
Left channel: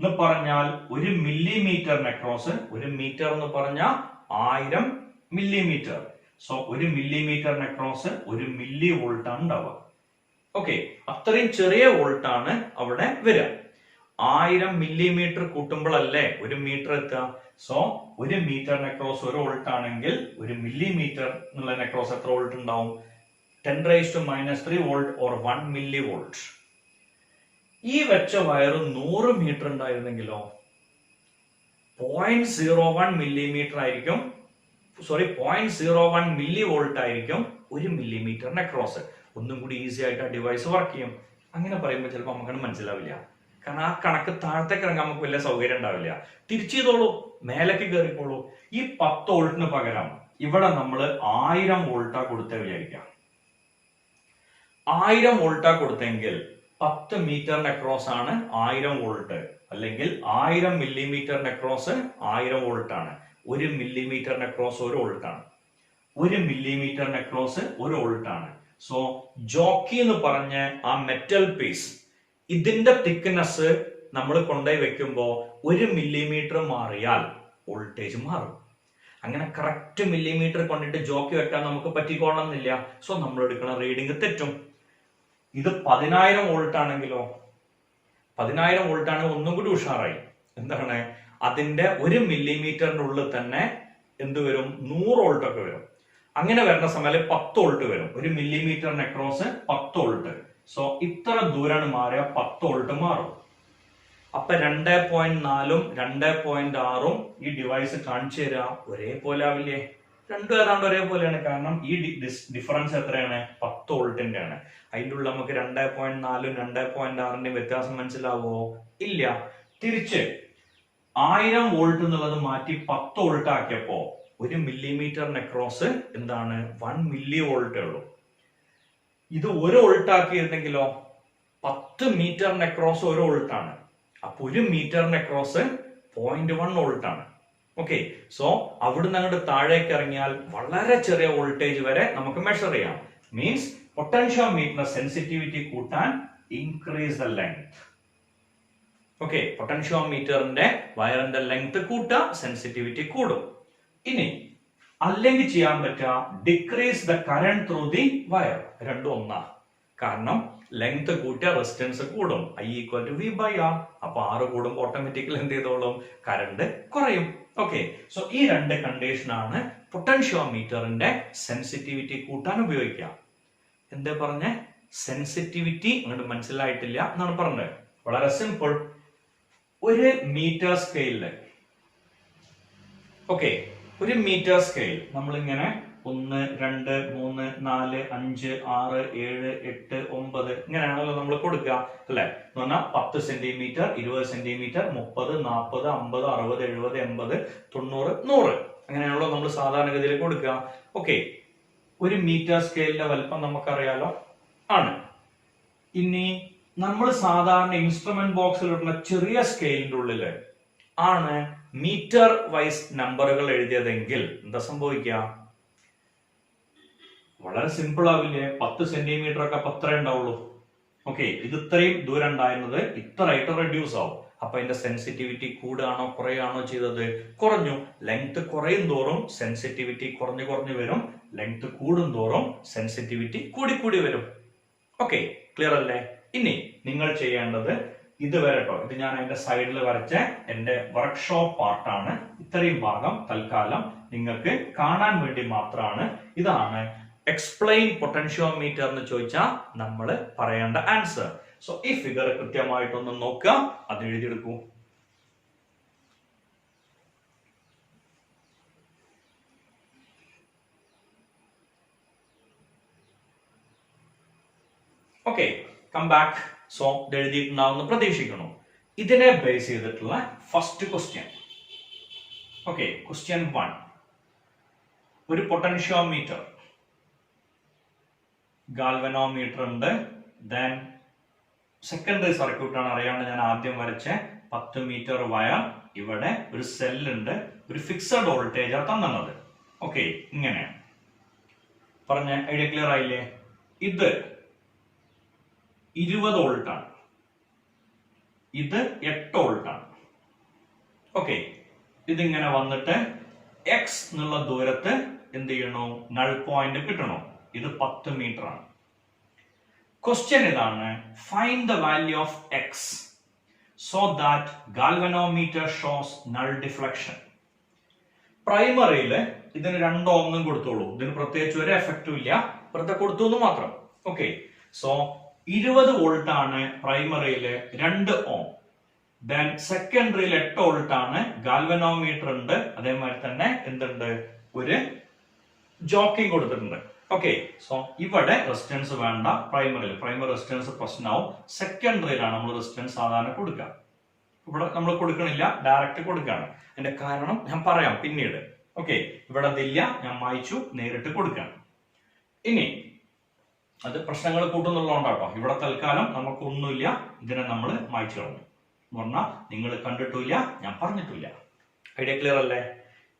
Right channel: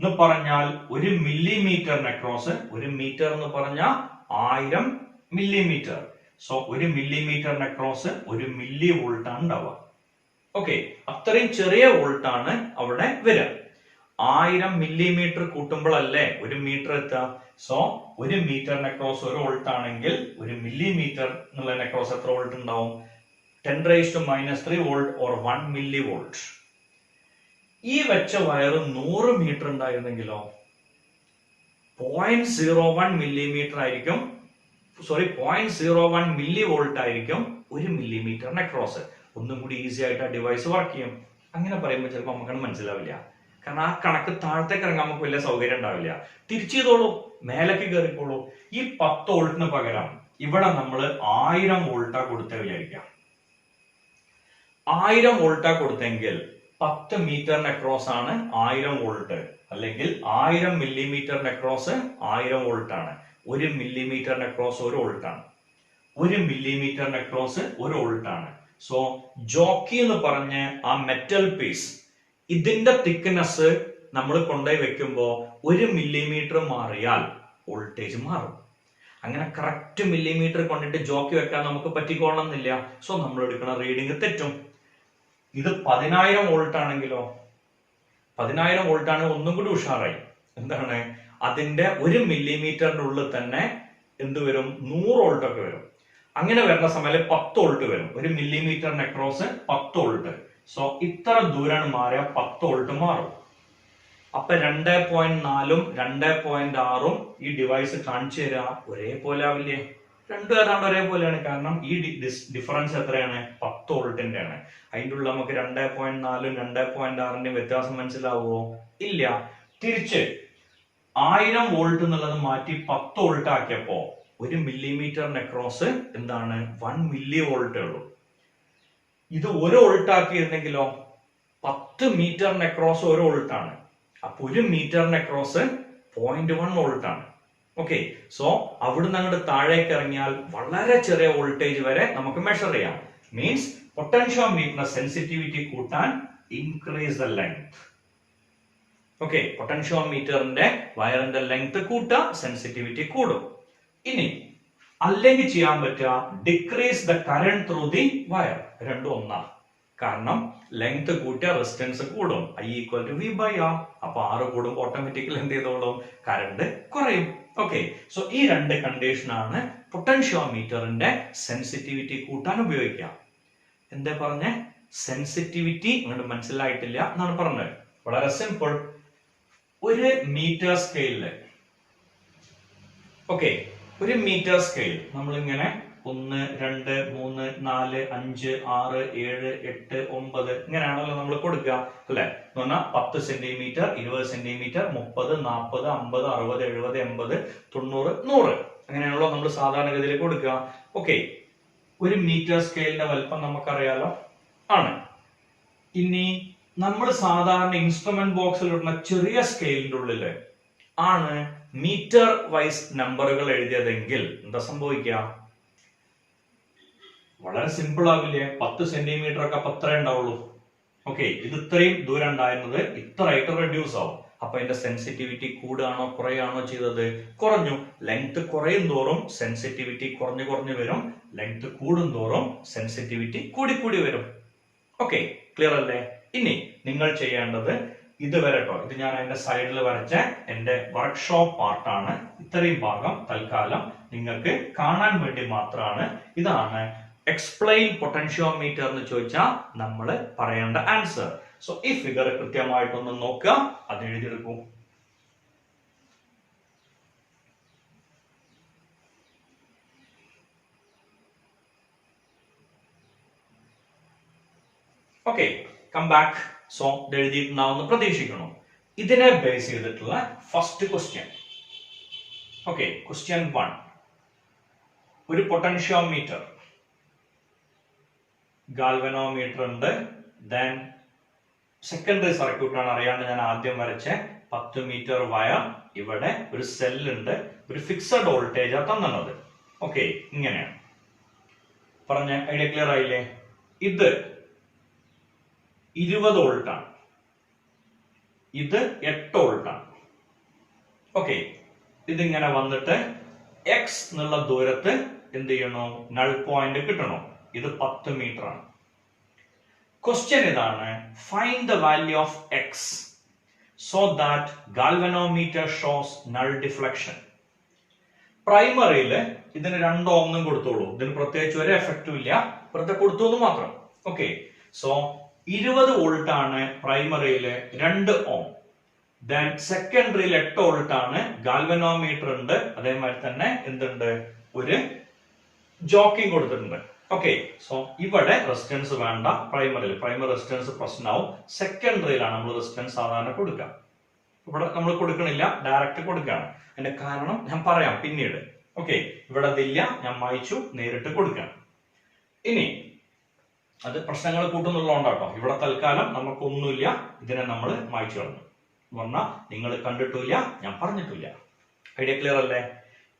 എന്ന് പറഞ്ഞാൽ 1 മില്ലിമീറ്ററിന് അക്രോസ്, 1 മീറ്റർ എന്ന് പറഞ്ഞാൽ 1000 മില്ലിമീറ്റർ. സോ 1 മില്ലിമീറ്ററിന് അക്രോസ് 1 മില്ലി വോൾട്ട് ആണ് ഉണ്ടാവുക. ഓക്കെ, അത്രയും ചെറിയ വോൾട്ട് ആണ് അവിടെ വരിക. 1000 മില്ലിമീറ്റർ കൂട്ടുമ്പോഴല്ലേ 1 മീറ്റർ എത്തുക. സോ 1 മീറ്ററിന് അക്രോസ് 1 വോൾട്ട് ആണെങ്കിൽ 1 മില്ലിമീറ്റർ എന്നുള്ളതിന് അക്രോസ് എത്ര വോൾട്ട് ഉണ്ടാവും? 10⁻³ വോൾട്ട് ഓർ 1 മില്ലി വോൾട്ട്. ഈ വെച്ച വയർ 100 മീറ്റർ ഉണ്ടായിരുന്നെങ്കിലോ 0.01 മില്ലിമീറ്റർ ആയിരിക്കും, 0.01 മില്ലി വോൾട്ട് ആയിരിക്കും 1 മില്ലിമീറ്ററിന് അക്രോസ്. ഒന്നും കൂടി ഈസി ആയിട്ട് ആ ഡിവൈസ് വർക്ക് ചെയ്യും. അങ്ങനെ പറയുമ്പോൾ ചിലപ്പോൾ നമുക്കത് മനസ്സിലാവില്ല, കാരണം ആ കണക്ക് താഴത്തേക്ക് ഇറങ്ങാൻ നമുക്ക് വലിയ സൗകര്യം ഉണ്ടാവില്ല. തിരിച്ചു ചെയ്തോളൂ, മേലേക്ക് കയറിക്കോളൂ. ഈ 10 വോൾട്ടിന് പകരം ഇവിടെ നമ്മൾ 1000 വോൾട്ടാ കൊടുത്തേ വിചാരിക്കാം. 1000 വോൾട്ടാ കൊടുത്തെങ്കിൽ 10 മീറ്ററിന് അക്രോസ് ആണ് 1000 വോൾട്ട്, അല്ലെങ്കിൽ 1000 മില്ലിമീറ്ററിന് അക്രോസ് 1000 വോൾട്ട് ആണ്. 1 മില്ലിമീറ്ററിന് അക്രോസ് 1 വോൾട്ട് ആണ്. 1 മില്ലിമീറ്ററിന് അക്രോസ് 1 വോൾട്ട് ആണ്. സോ ജോക്കി എന്ന് പറഞ്ഞ ആ മെറ്റൽ പീസ്, ഇതിന്റെ തിക്നെസ് നമ്മൾ കൊണ്ടുപോയി വെക്കുമ്പോ 1 മില്ലിമീറ്റർ മാറിയാൽ വോൾട്ടേജ് മാറും. അങ്ങനെ കറക്റ്റ് മില്ലിമീറ്റർ കൊണ്ടിട്ട് ജോക്കി വെക്കാൻ നമുക്ക് പറ്റിക്കോളണമെന്നില്ല. സോ നമ്മൾ എടുക്കുന്ന റീഡിങ് തെറ്റും. ഇത് 10000 വോൾട്ട് ആണെങ്കിലോ, 10000 വോൾട്ട് ആണ് ഒന്നും കൂടി ഉഷാറായി. എന്താണ്, അതിന്റെ 1 മില്ലിമീറ്ററിന്റെ ഉള്ളിൽ തന്നെ എന്ത് വരും? 100 വോൾട്ട് ഒക്കെ വരും. അങ്ങനെ വരുന്ന സമയത്ത് 10 വോൾട്ട് വരും. 1 മില്ലിമീറ്ററിന് അക്രോസ് 10 വോൾട്ട്. സോ ഇത്ര ദൂരാണ് മാറിയ 10 വോൾട്ട് മാറും. അപ്പൊ 2.4ഉം 2.6ഉം ഈ ഡിവൈസ് കാണിച്ചു തരാ ഒരേപോലെ ആവില്ലേ? രണ്ടും ഏതാണ്ട് ഒരേപോലെയാണ്. കാരണം ഈ ഡിഫറൻസ് എത്രയാണ്? 10 വോൾട്ടിന്റെ ആണ്. അതിൻ്റെ ഉള്ള നമുക്ക് 2.4ഉം 2.6ന്റെയും വ്യത്യാസം മനസ്സിലാവോ? ഇല്ല. തിരിച്ച് 1000 വോൾട്ട് എന്നുള്ളത് മാറ്റി 10 വോൾട്ട് ആക്കിയപ്പോ 1 മില്ലിമീറ്ററിന് അക്രോസ് എന്താണ്? 1 മില്ലി വോൾട്ടേ ഉള്ളൂ. ഇത് 1 വോൾട്ട് ആക്കിയിരുന്നെങ്കിലോ 10 മീറ്ററിന് അക്രോസ് 1 വോൾട്ട് ആണ്. അപ്പൊ 1 മീറ്ററിന് അക്രോസ് 0.1 വോൾട്ട് ആണ്. ഓക്കെ, സോ അവിടുന്ന് അങ്ങോട്ട് താഴേക്ക് ഇറങ്ങിയാൽ വളരെ ചെറിയ വോൾട്ടേജ് വരെ നമുക്ക് മെഷർ ചെയ്യാം. മീൻസ് പൊട്ടൻഷ്യോമീറ്ററിന്റെ സെൻസിറ്റിവിറ്റി കൂട്ടാൻ ഇൻക്രീസ് ദ ലെങ്ത്. ഓക്കെ, പൊട്ടൻഷ്യോമീറ്ററിന്റെ വയറിന്റെ ലെങ്ത് കൂട്ടാ, സെൻസിറ്റിവിറ്റി കൂടും. ഇനി അല്ലെങ്കിൽ ചെയ്യാൻ പറ്റുക decrease the current through the wire. രണ്ടും ഒന്നാണ്. കാരണം ലെങ്ത് കൂട്ടിയ റെസിസ്റ്റൻസ് കൂടും. I=V/R. അപ്പൊ R കൂടുമ്പോൾ ഓട്ടോമാറ്റിക്കലി എന്ത് ചെയ്തോളും? കറണ്ട് കുറയും. ഓക്കെ, സോ ഈ രണ്ട് കണ്ടീഷൻ ആണ് പൊട്ടൻഷ്യോമീറ്ററിന്റെ സെൻസിറ്റിവിറ്റി കൂട്ടാൻ ഉപയോഗിക്കാം. എന്താ പറഞ്ഞ? സെൻസിറ്റിവിറ്റി അങ്ങോട്ട് മനസ്സിലായിട്ടില്ല എന്നാണ് പറഞ്ഞത്. വളരെ സിമ്പിൾ. 1 മീറ്റർ സ്കെയിലില്, ഓക്കെ, 1 മീറ്റർ സ്കെയിൽ നമ്മളിങ്ങനെ 1, 2, 3, 4, 5, 6, 7, 8, 9 ഇങ്ങനെയാണല്ലോ നമ്മൾ കൊടുക്കുക, അല്ലെ? എന്ന് പറഞ്ഞാൽ 10 സെന്റിമീറ്റർ, 20 സെന്റിമീറ്റർ, 30, 40, 50, 60, 70, 80, 90, 100 അങ്ങനെയാണല്ലോ നമ്മൾ സാധാരണഗതിയിൽ കൊടുക്കുക. ഓക്കെ, 1 മീറ്റർ സ്കെയിലിന്റെ വലിപ്പം നമുക്കറിയാലോ ആണ്. ഇനി നമ്മൾ സാധാരണ ഇൻസ്ട്രുമെന്റ് ബോക്സിൽ ഇടുന്ന ചെറിയ സ്കെയിലിന്റെ ഉള്ളില് ആണ് മീറ്റർ വൈസ് നമ്പറുകൾ എഴുതിയതെങ്കിൽ എന്താ സംഭവിക്കുക? വളരെ സിമ്പിൾ ആവില്ലേ? 10 സെന്റിമീറ്റർ ഒക്കെ അപ്പൊ അത്രേ ഉണ്ടാവുള്ളൂ. ഓക്കെ, ഇത് ഇത്രയും ദൂരം ഉണ്ടായിരുന്നത് ഇത്രയായിട്ട് റെഡ്യൂസ് ആവും. അപ്പൊ അതിന്റെ സെൻസിറ്റിവിറ്റി കൂടുകയാണോ കുറയാണോ ചെയ്തത്? കുറഞ്ഞു. ലെങ്ത് കുറയും തോറും സെൻസിറ്റിവിറ്റി കുറഞ്ഞു കുറഞ്ഞു വരും. ലെങ്ത് കൂടും തോറും സെൻസിറ്റിവിറ്റി കൂടി വരും. ഓക്കെ, ക്ലിയർ അല്ലേ? ഇനി നിങ്ങൾ ചെയ്യേണ്ടത് ഇതുവരെ കേട്ടോ, ഇത് ഞാൻ അതിന്റെ സൈഡിൽ വരച്ച എന്റെ വർക്ക്ഷോപ്പ് പാർട്ടാണ്. ഇത്രയും ഭാഗം തൽക്കാലം നിങ്ങൾക്ക് കാണാൻ വേണ്ടി മാത്രമാണ്. ഇതാണ് എക്സ്പ്ലെയിൻ പൊട്ടൻഷ്യോമീറ്റർ എന്ന് ചോദിച്ചാൽ നമ്മൾ പറയേണ്ട ആൻസർ. സോ ഈ ഫിഗർ കൃത്യമായിട്ടൊന്ന് നോക്കുക, അത് എഴുതിയെടുക്കൂ. Okay, come back. സോ ഇത് എഴുതിയിട്ടുണ്ടാവുമെന്ന് പ്രതീക്ഷിക്കുന്നു. ഇതിനെ ബേസ് ചെയ്തിട്ടുള്ള ഫസ്റ്റ് ക്വസ്റ്റ്യൻ. Okay, question 1. ഒരു പൊട്ടൻഷ്യോമീറ്റർ, ഗാൽവനോമീറ്റർ ഉണ്ട്, ദെൻ സെക്കൻഡറി സർക്യൂട്ട് ആണ് അറിയാണ്ട് ഞാൻ ആദ്യം വരച്ച 10 മീറ്റർ വയർ. ഇവിടെ ഒരു സെല്ലുണ്ട്, ഒരു ഫിക്സഡ് വോൾട്ടേജ് ആണ് തന്നത്. ഓക്കെ, ഇങ്ങനെയാണ് പറഞ്ഞ ഐഡിയ ക്ലിയർ ആയില്ലേ? ഇത് 20 വോൾട്ട് ആണ്, ഇത് 8 വോൾട്ട് ആണ്. ഓക്കെ, ഇതിങ്ങനെ വന്നിട്ട് എക്സ് എന്നുള്ള ദൂരത്ത് എന്ത് ചെയ്യണോ, നൾ പോയിന്റ് കിട്ടണോ. ഇത് 10 മീറ്റർ ആണ്. ക്വസ്റ്റ്യൻ ഇതാണ്, find the value of x so that galvanometer shows null deflection. പ്രൈമറിയില് ഇതിന് 2 ഓം കൊടുത്തോളൂ, ഇതിന് പ്രത്യേകിച്ച് ഒരു എഫക്റ്റും ഇല്ല, വെറുതെ കൊടുത്തു എന്ന് മാത്രം. ഓക്കെ, സോ 20 വോൾട്ട് ആണ് പ്രൈമറിയില്, 2 ഓം. ദെൻ സെക്കൻഡറിയിൽ 8 വോൾട്ട് ആണ്, ഗാൽവനോമീറ്റർ ഉണ്ട്, അതേമാതിരി തന്നെ എന്തുണ്ട്, ഒരു ജോക്കിംഗ് കൊടുത്തിട്ടുണ്ട്. ഓക്കെ, സോ ഇവിടെ റെസിസ്റ്റൻസ് വേണ്ട, പ്രൈമറി റെസിസ്റ്റൻസ് പ്രശ്നമാവും. സെക്കൻഡറിയിലാണ് നമ്മൾ റെസിസ്റ്റൻസ് സാധാരണ കൊടുക്കുക. ഇവിടെ നമ്മൾ കൊടുക്കണില്ല, ഡയറക്റ്റ് കൊടുക്കുകയാണ്. അതിന്റെ കാരണം ഞാൻ പറയാം പിന്നീട്. ഓക്കെ, ഇവിടെ അതില്ല, ഞാൻ മായിച്ചു, നേരിട്ട് കൊടുക്കുകയാണ്. ഇനി അത് പ്രശ്നങ്ങൾ കൂട്ടുന്നുള്ളതുകൊണ്ടാട്ടോ ഇവിടെ തൽക്കാലം നമുക്കൊന്നുമില്ല, ഇതിനെ നമ്മൾ മായിച്ചു കളഞ്ഞു എന്ന് പറഞ്ഞാൽ നിങ്ങൾ കണ്ടിട്ടില്ല, ഞാൻ പറഞ്ഞിട്ടില്ല. ഐഡിയ ക്ലിയർ അല്ലേ?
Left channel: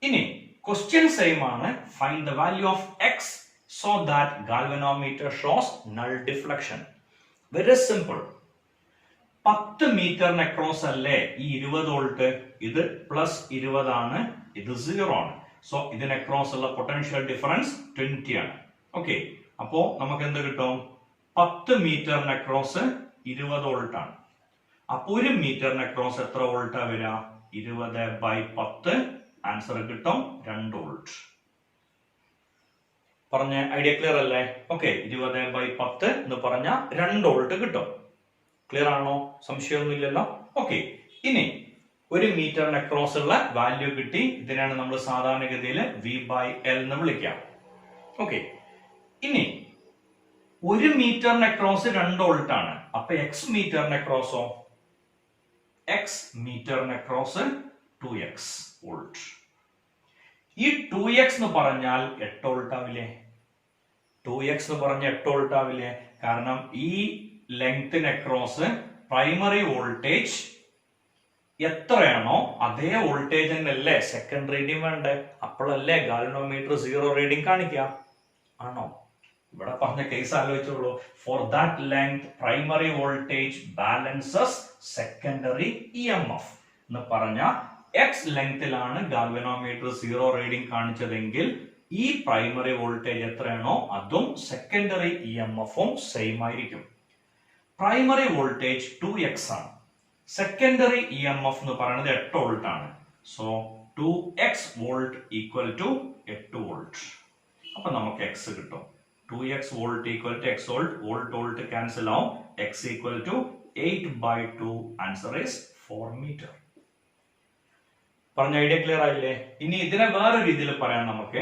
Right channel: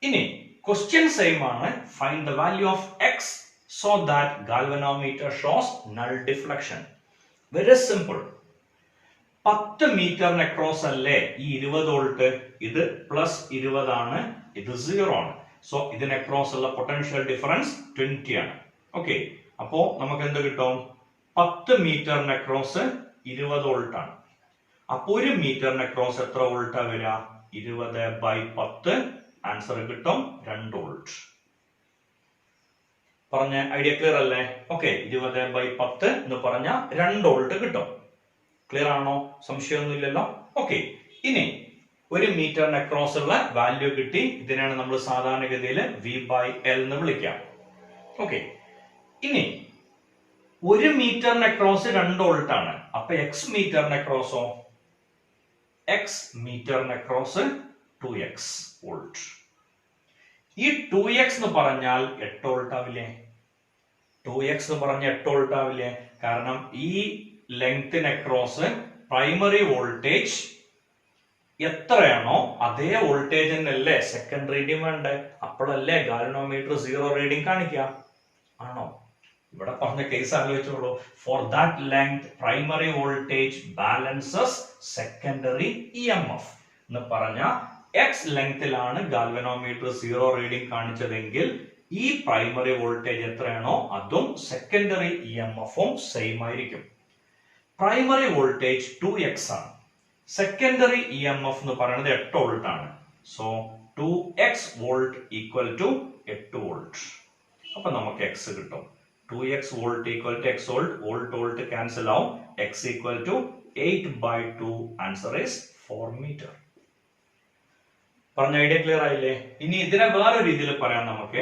ഇനി ക്വസ്റ്റ്യൻ സെയിം ആണ്, find the value of x so that galvanometer shows null deflection. Very simple. 10 മീറ്ററിന് അക്രോസ് അല്ലേ ഈ 20 വോൾട്ട്, ഇത് പ്ലസ് 20 ആണ്, ഇത് 0 ആണ്. സോ ഇതിന് അക്രോസ് ഉള്ള പൊട്ടൻഷ്യൽ ഡിഫറൻസ് 20 ആണ്. ഓക്കെ, അപ്പോ നമുക്ക് എന്ത് കിട്ടും, 10 മീറ്ററിന് അക്രോസ് 20 വോൾട്ട് ആണ്. അപ്പൊ 1 മീറ്ററിന് അക്രോസ് എത്ര വോൾട്ടാ വരിക, 20/10. ആൻസർ കിട്ടും 2 വോൾട്ട്. പറഞ്ഞ ഐഡിയ ക്ലിയർ അല്ലേ? ഓക്കെ, 20/10 എന്ന് പറഞ്ഞ 2 വോൾട്ട് കിട്ടും. ക്ലിയർ ആണോ? സംശയമൊന്നുമില്ലല്ലോ. ഓക്കെ, ഇനി 1 മീറ്ററിന് അക്രോസ് ഉള്ള വാല്യൂ കിട്ടി. ഇതിനാണ് നമ്മൾ സാധാരണഗതിയിൽ V/L എന്ന് വിളിക്കാം. ഓക്കെ, ഇനി 1 മീറ്ററിന് അക്രോസ് 2 വോൾട്ട് ആണ്. അപ്പൊ എക്സ് മീറ്ററിന് അക്രോസോ, എക്സ് മീറ്ററിന് അക്രോസ് 2x വോൾട്ട്. ഈ 2x എന്ന് പറഞ്ഞാൽ 8 വോൾട്ട് ആവില്ലേ? 2x എന്ന് പറഞ്ഞ 8 വോൾട്ട് ആവില്ലേ? കാരണം ഈ ലെങ്ത്തിന് അക്രോസ് പ്രൈമറി വോൾട്ടേജ് എത്രയാണോ അതേ വോൾട്ടേജ് തന്നെയല്ലേ സെക്കൻഡ് റീഡിംഗ് വേണ്ടേ? അപ്പോഴല്ലേ ഗാൽവനോമീറ്റർ 0 റീഡിംഗ് കാണിക്കുക. ആണോ? ഇവിടെ പറഞ്ഞ കേസ് ആലോചിച്ചോളൂ. For that length primary voltage balances secondary EMF എന്ന് പറഞ്ഞ എക്സ് ലെങ്തിലാണ് ഗാൽവനോമീറ്റർ 0 റീഡിംഗ് കാണിച്ചതെങ്കിൽ ഈ പ്രൈമറി വോൾട്ടേജ് എത്രയാണോ അതും സെക്കൻഡറി EMF-ഉം സെയിം ആയിരിക്കും. പ്രൈമറി വോൾട്ടേജ് 2x ആണ്, സെക്കൻഡറി EMF എന്ന് പറയുന്നത് 8 വോൾട്ട് ആണ്. So 2x volt equal to 8 volt. അപ്പൊ നമുക്ക് x കിട്ടും. 2x volt equal to x volt, volt volt cancel ആവും. x equal to 8/2. Answer is 4 metre. പറഞ്ഞ ഐഡിയ ക്ലിയർ ആയില്ലേ? ഇനി ഇതിനെ വേറെ രീതിയിൽ പറയാൻ നമുക്ക്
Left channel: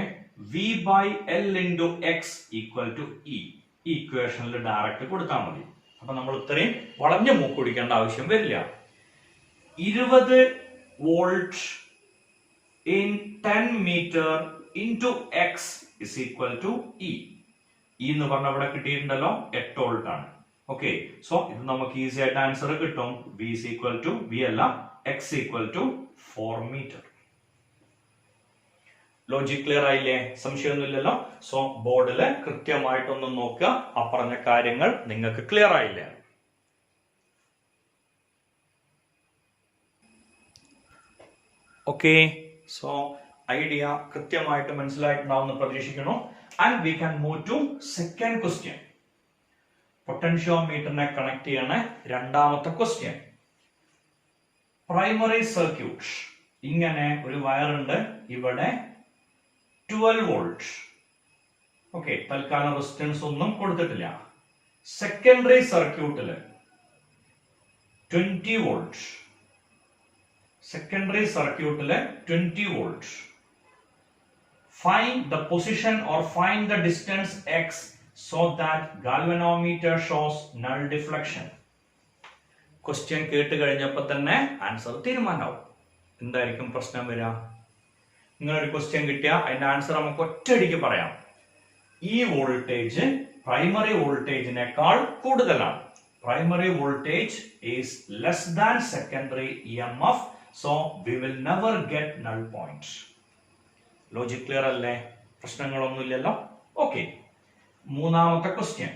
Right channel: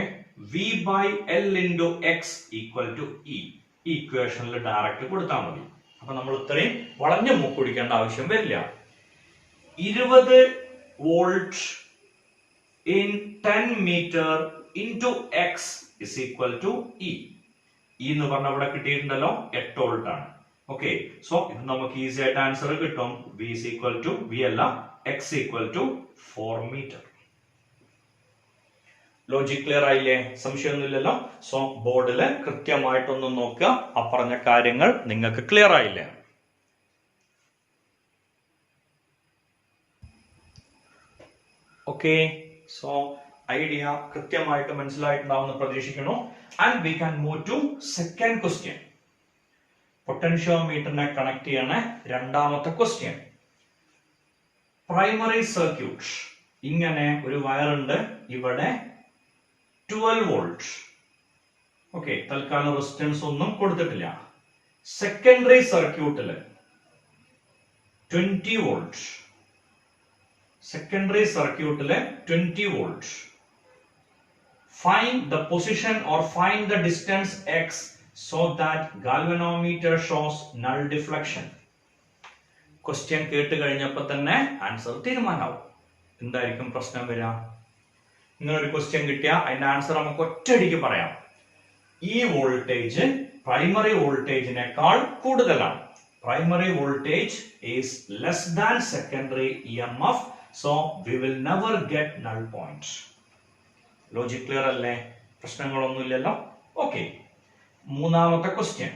V/L into x equal to E. ഈ ഇക്വേഷനിൽ ഡയറക്റ്റ് കൊടുത്താൽ മതി. അപ്പൊ നമ്മൾ ഇത്രയും വളഞ്ഞ മൂക്ക് പിടിക്കേണ്ട ആവശ്യം വരില്ല. 20 volt in 10 metre into x is equal to E. E എന്ന് പറഞ്ഞ ഇവിടെ കിട്ടിയിട്ടുണ്ടല്ലോ, 8 വോൾട്ട് ആണ്. ഓക്കെ, സോ ഇത് നമുക്ക് ഈസി ആയിട്ട് ആൻസർ കിട്ടും. V is equal to V അല്ല, x equal to 4 മീറ്റർ. ലോജിക് ക്ലിയർ ആയില്ലേ? സംശയമൊന്നുമില്ലല്ലോ. സോ ബോർഡില് കൃത്യമായിട്ടൊന്ന് നോക്കുക, അപ്പറഞ്ഞ കാര്യങ്ങൾ നിങ്ങൾക്ക് ക്ലിയർ ആയില്ലേ? ഓക്കെ, സോ ഐഡിയ കൃത്യമായിട്ട് മനസ്സിലായിട്ടുണ്ടാവുമെന്ന് പ്രതീക്ഷിക്കുന്നു. And we can move to second question. പൊട്ടൻഷ്യോമീറ്ററിനെ കണക്ട് ചെയ്യണ രണ്ടാമത്തെ ക്വസ്റ്റ്യൻ. പ്രൈമറി സർക്യൂട്ട്, ഇങ്ങനെ ഒരു വയറുണ്ട്, ഇവിടെ 12 വോൾട്ട്. ഓക്കെ, തൽക്കാലം റെസിസ്റ്റൻസ് ഒന്നും കൊടുത്തിട്ടില്ല. സെക്കൻഡറി സർക്യൂട്ടില് 20 വോൾട്ട്, സെക്കൻഡറി സർക്യൂട്ടില് 20 volt. Find the position or find the distance x so that galvanometer shows null deflection. Question കേട്ട് കഴിഞ്ഞപ്പോൾ തന്നെ ആൻസർ തീരുമാനമാവും. എന്തായിരിക്കും പ്രശ്നം വരിക? ഇങ്ങനൊരു ക്വസ്റ്റ്യൻ കിട്ടിയ അതിന്റെ ആൻസർ നമുക്ക് ഒറ്റയടിക്ക് പറയാം. ഈ വോൾട്ടേജ് പ്രൈമറി വോൾട്ടേജിനേക്കാൾ കൂടുതലാണ്. Primary voltage is less than secondary EMF, so we will never get null point. Logic clear അല്ലേ? പ്രശ്നങ്ങളൊന്നുമില്ലല്ലോ. ഓക്കെ, മൂന്നാമത്തെ ക്വസ്റ്റ്യൻ.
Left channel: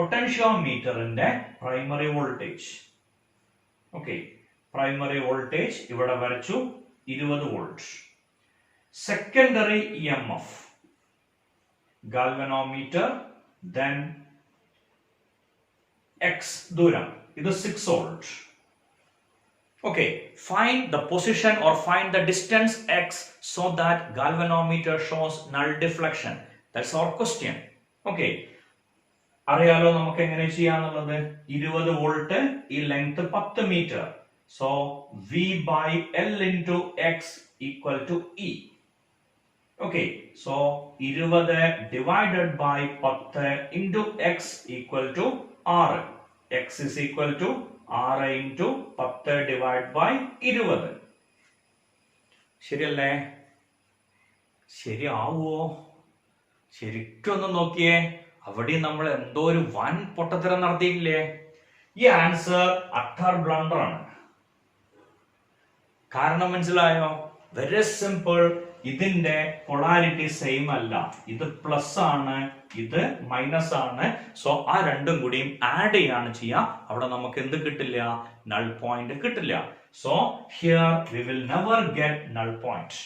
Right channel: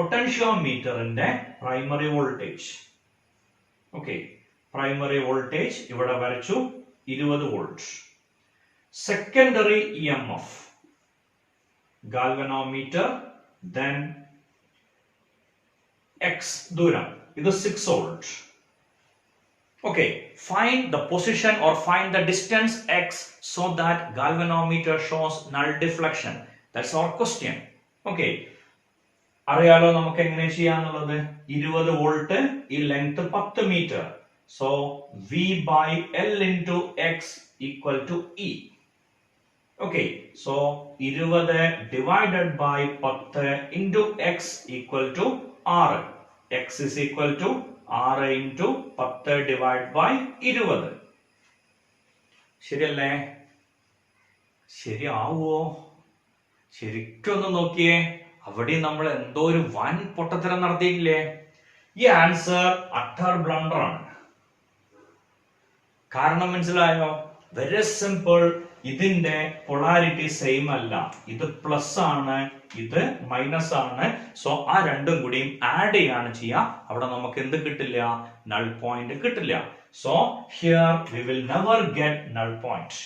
പൊട്ടൻഷ്യോമീറ്ററിന്റെ primary voltage. Okay, primary voltage ഇവിടെ വരച്ചു 20 volt. Secondary EMF, galvanometer, then x ദൂരം, ഇത് 6 volt. Okay, find the position or find the distance x so that galvanometer shows null deflection. That's our question. Okay, അറിയാലോ നമുക്ക് എങ്ങനെ ചെയ്യാന്നുള്ളത്. 20 വോൾട്ട്, ഈ length 10 metre. So V by L into x equal to E. Okay, so 20 divided by 10 into x equal to 6. X is equal to 6 into 10 divided by 20. ശരിയല്ലേ? ശരിയാവോ? ശരിക്കൊന്ന് നോക്കിയേ, അവിടെ നമ്മൾ എന്തോ ഒരു വൻ പൊട്ടത്തരം നടത്തിയില്ലേ? ഈ ആൻസർ അട്ടർ ബ്ലണ്ടർ ആണ്. കാരണം മനസ്സിലായോ? Very simple. ഇതിന്റെ പൊളാരിറ്റി സെയിം അല്ല. ഇത് പ്ലസ് ആണ്, ഇത് മൈനസ് ആണ്. സോ ആ രണ്ടും കൂടിയും ആഡ് ചെയ്യാണ് ചെയ്യാം. അവിടെ നമുക്ക് എന്ത് കിട്ടില്ല? നൾ പോയിന്റ് കിട്ടില്ല. So here we will never get null point.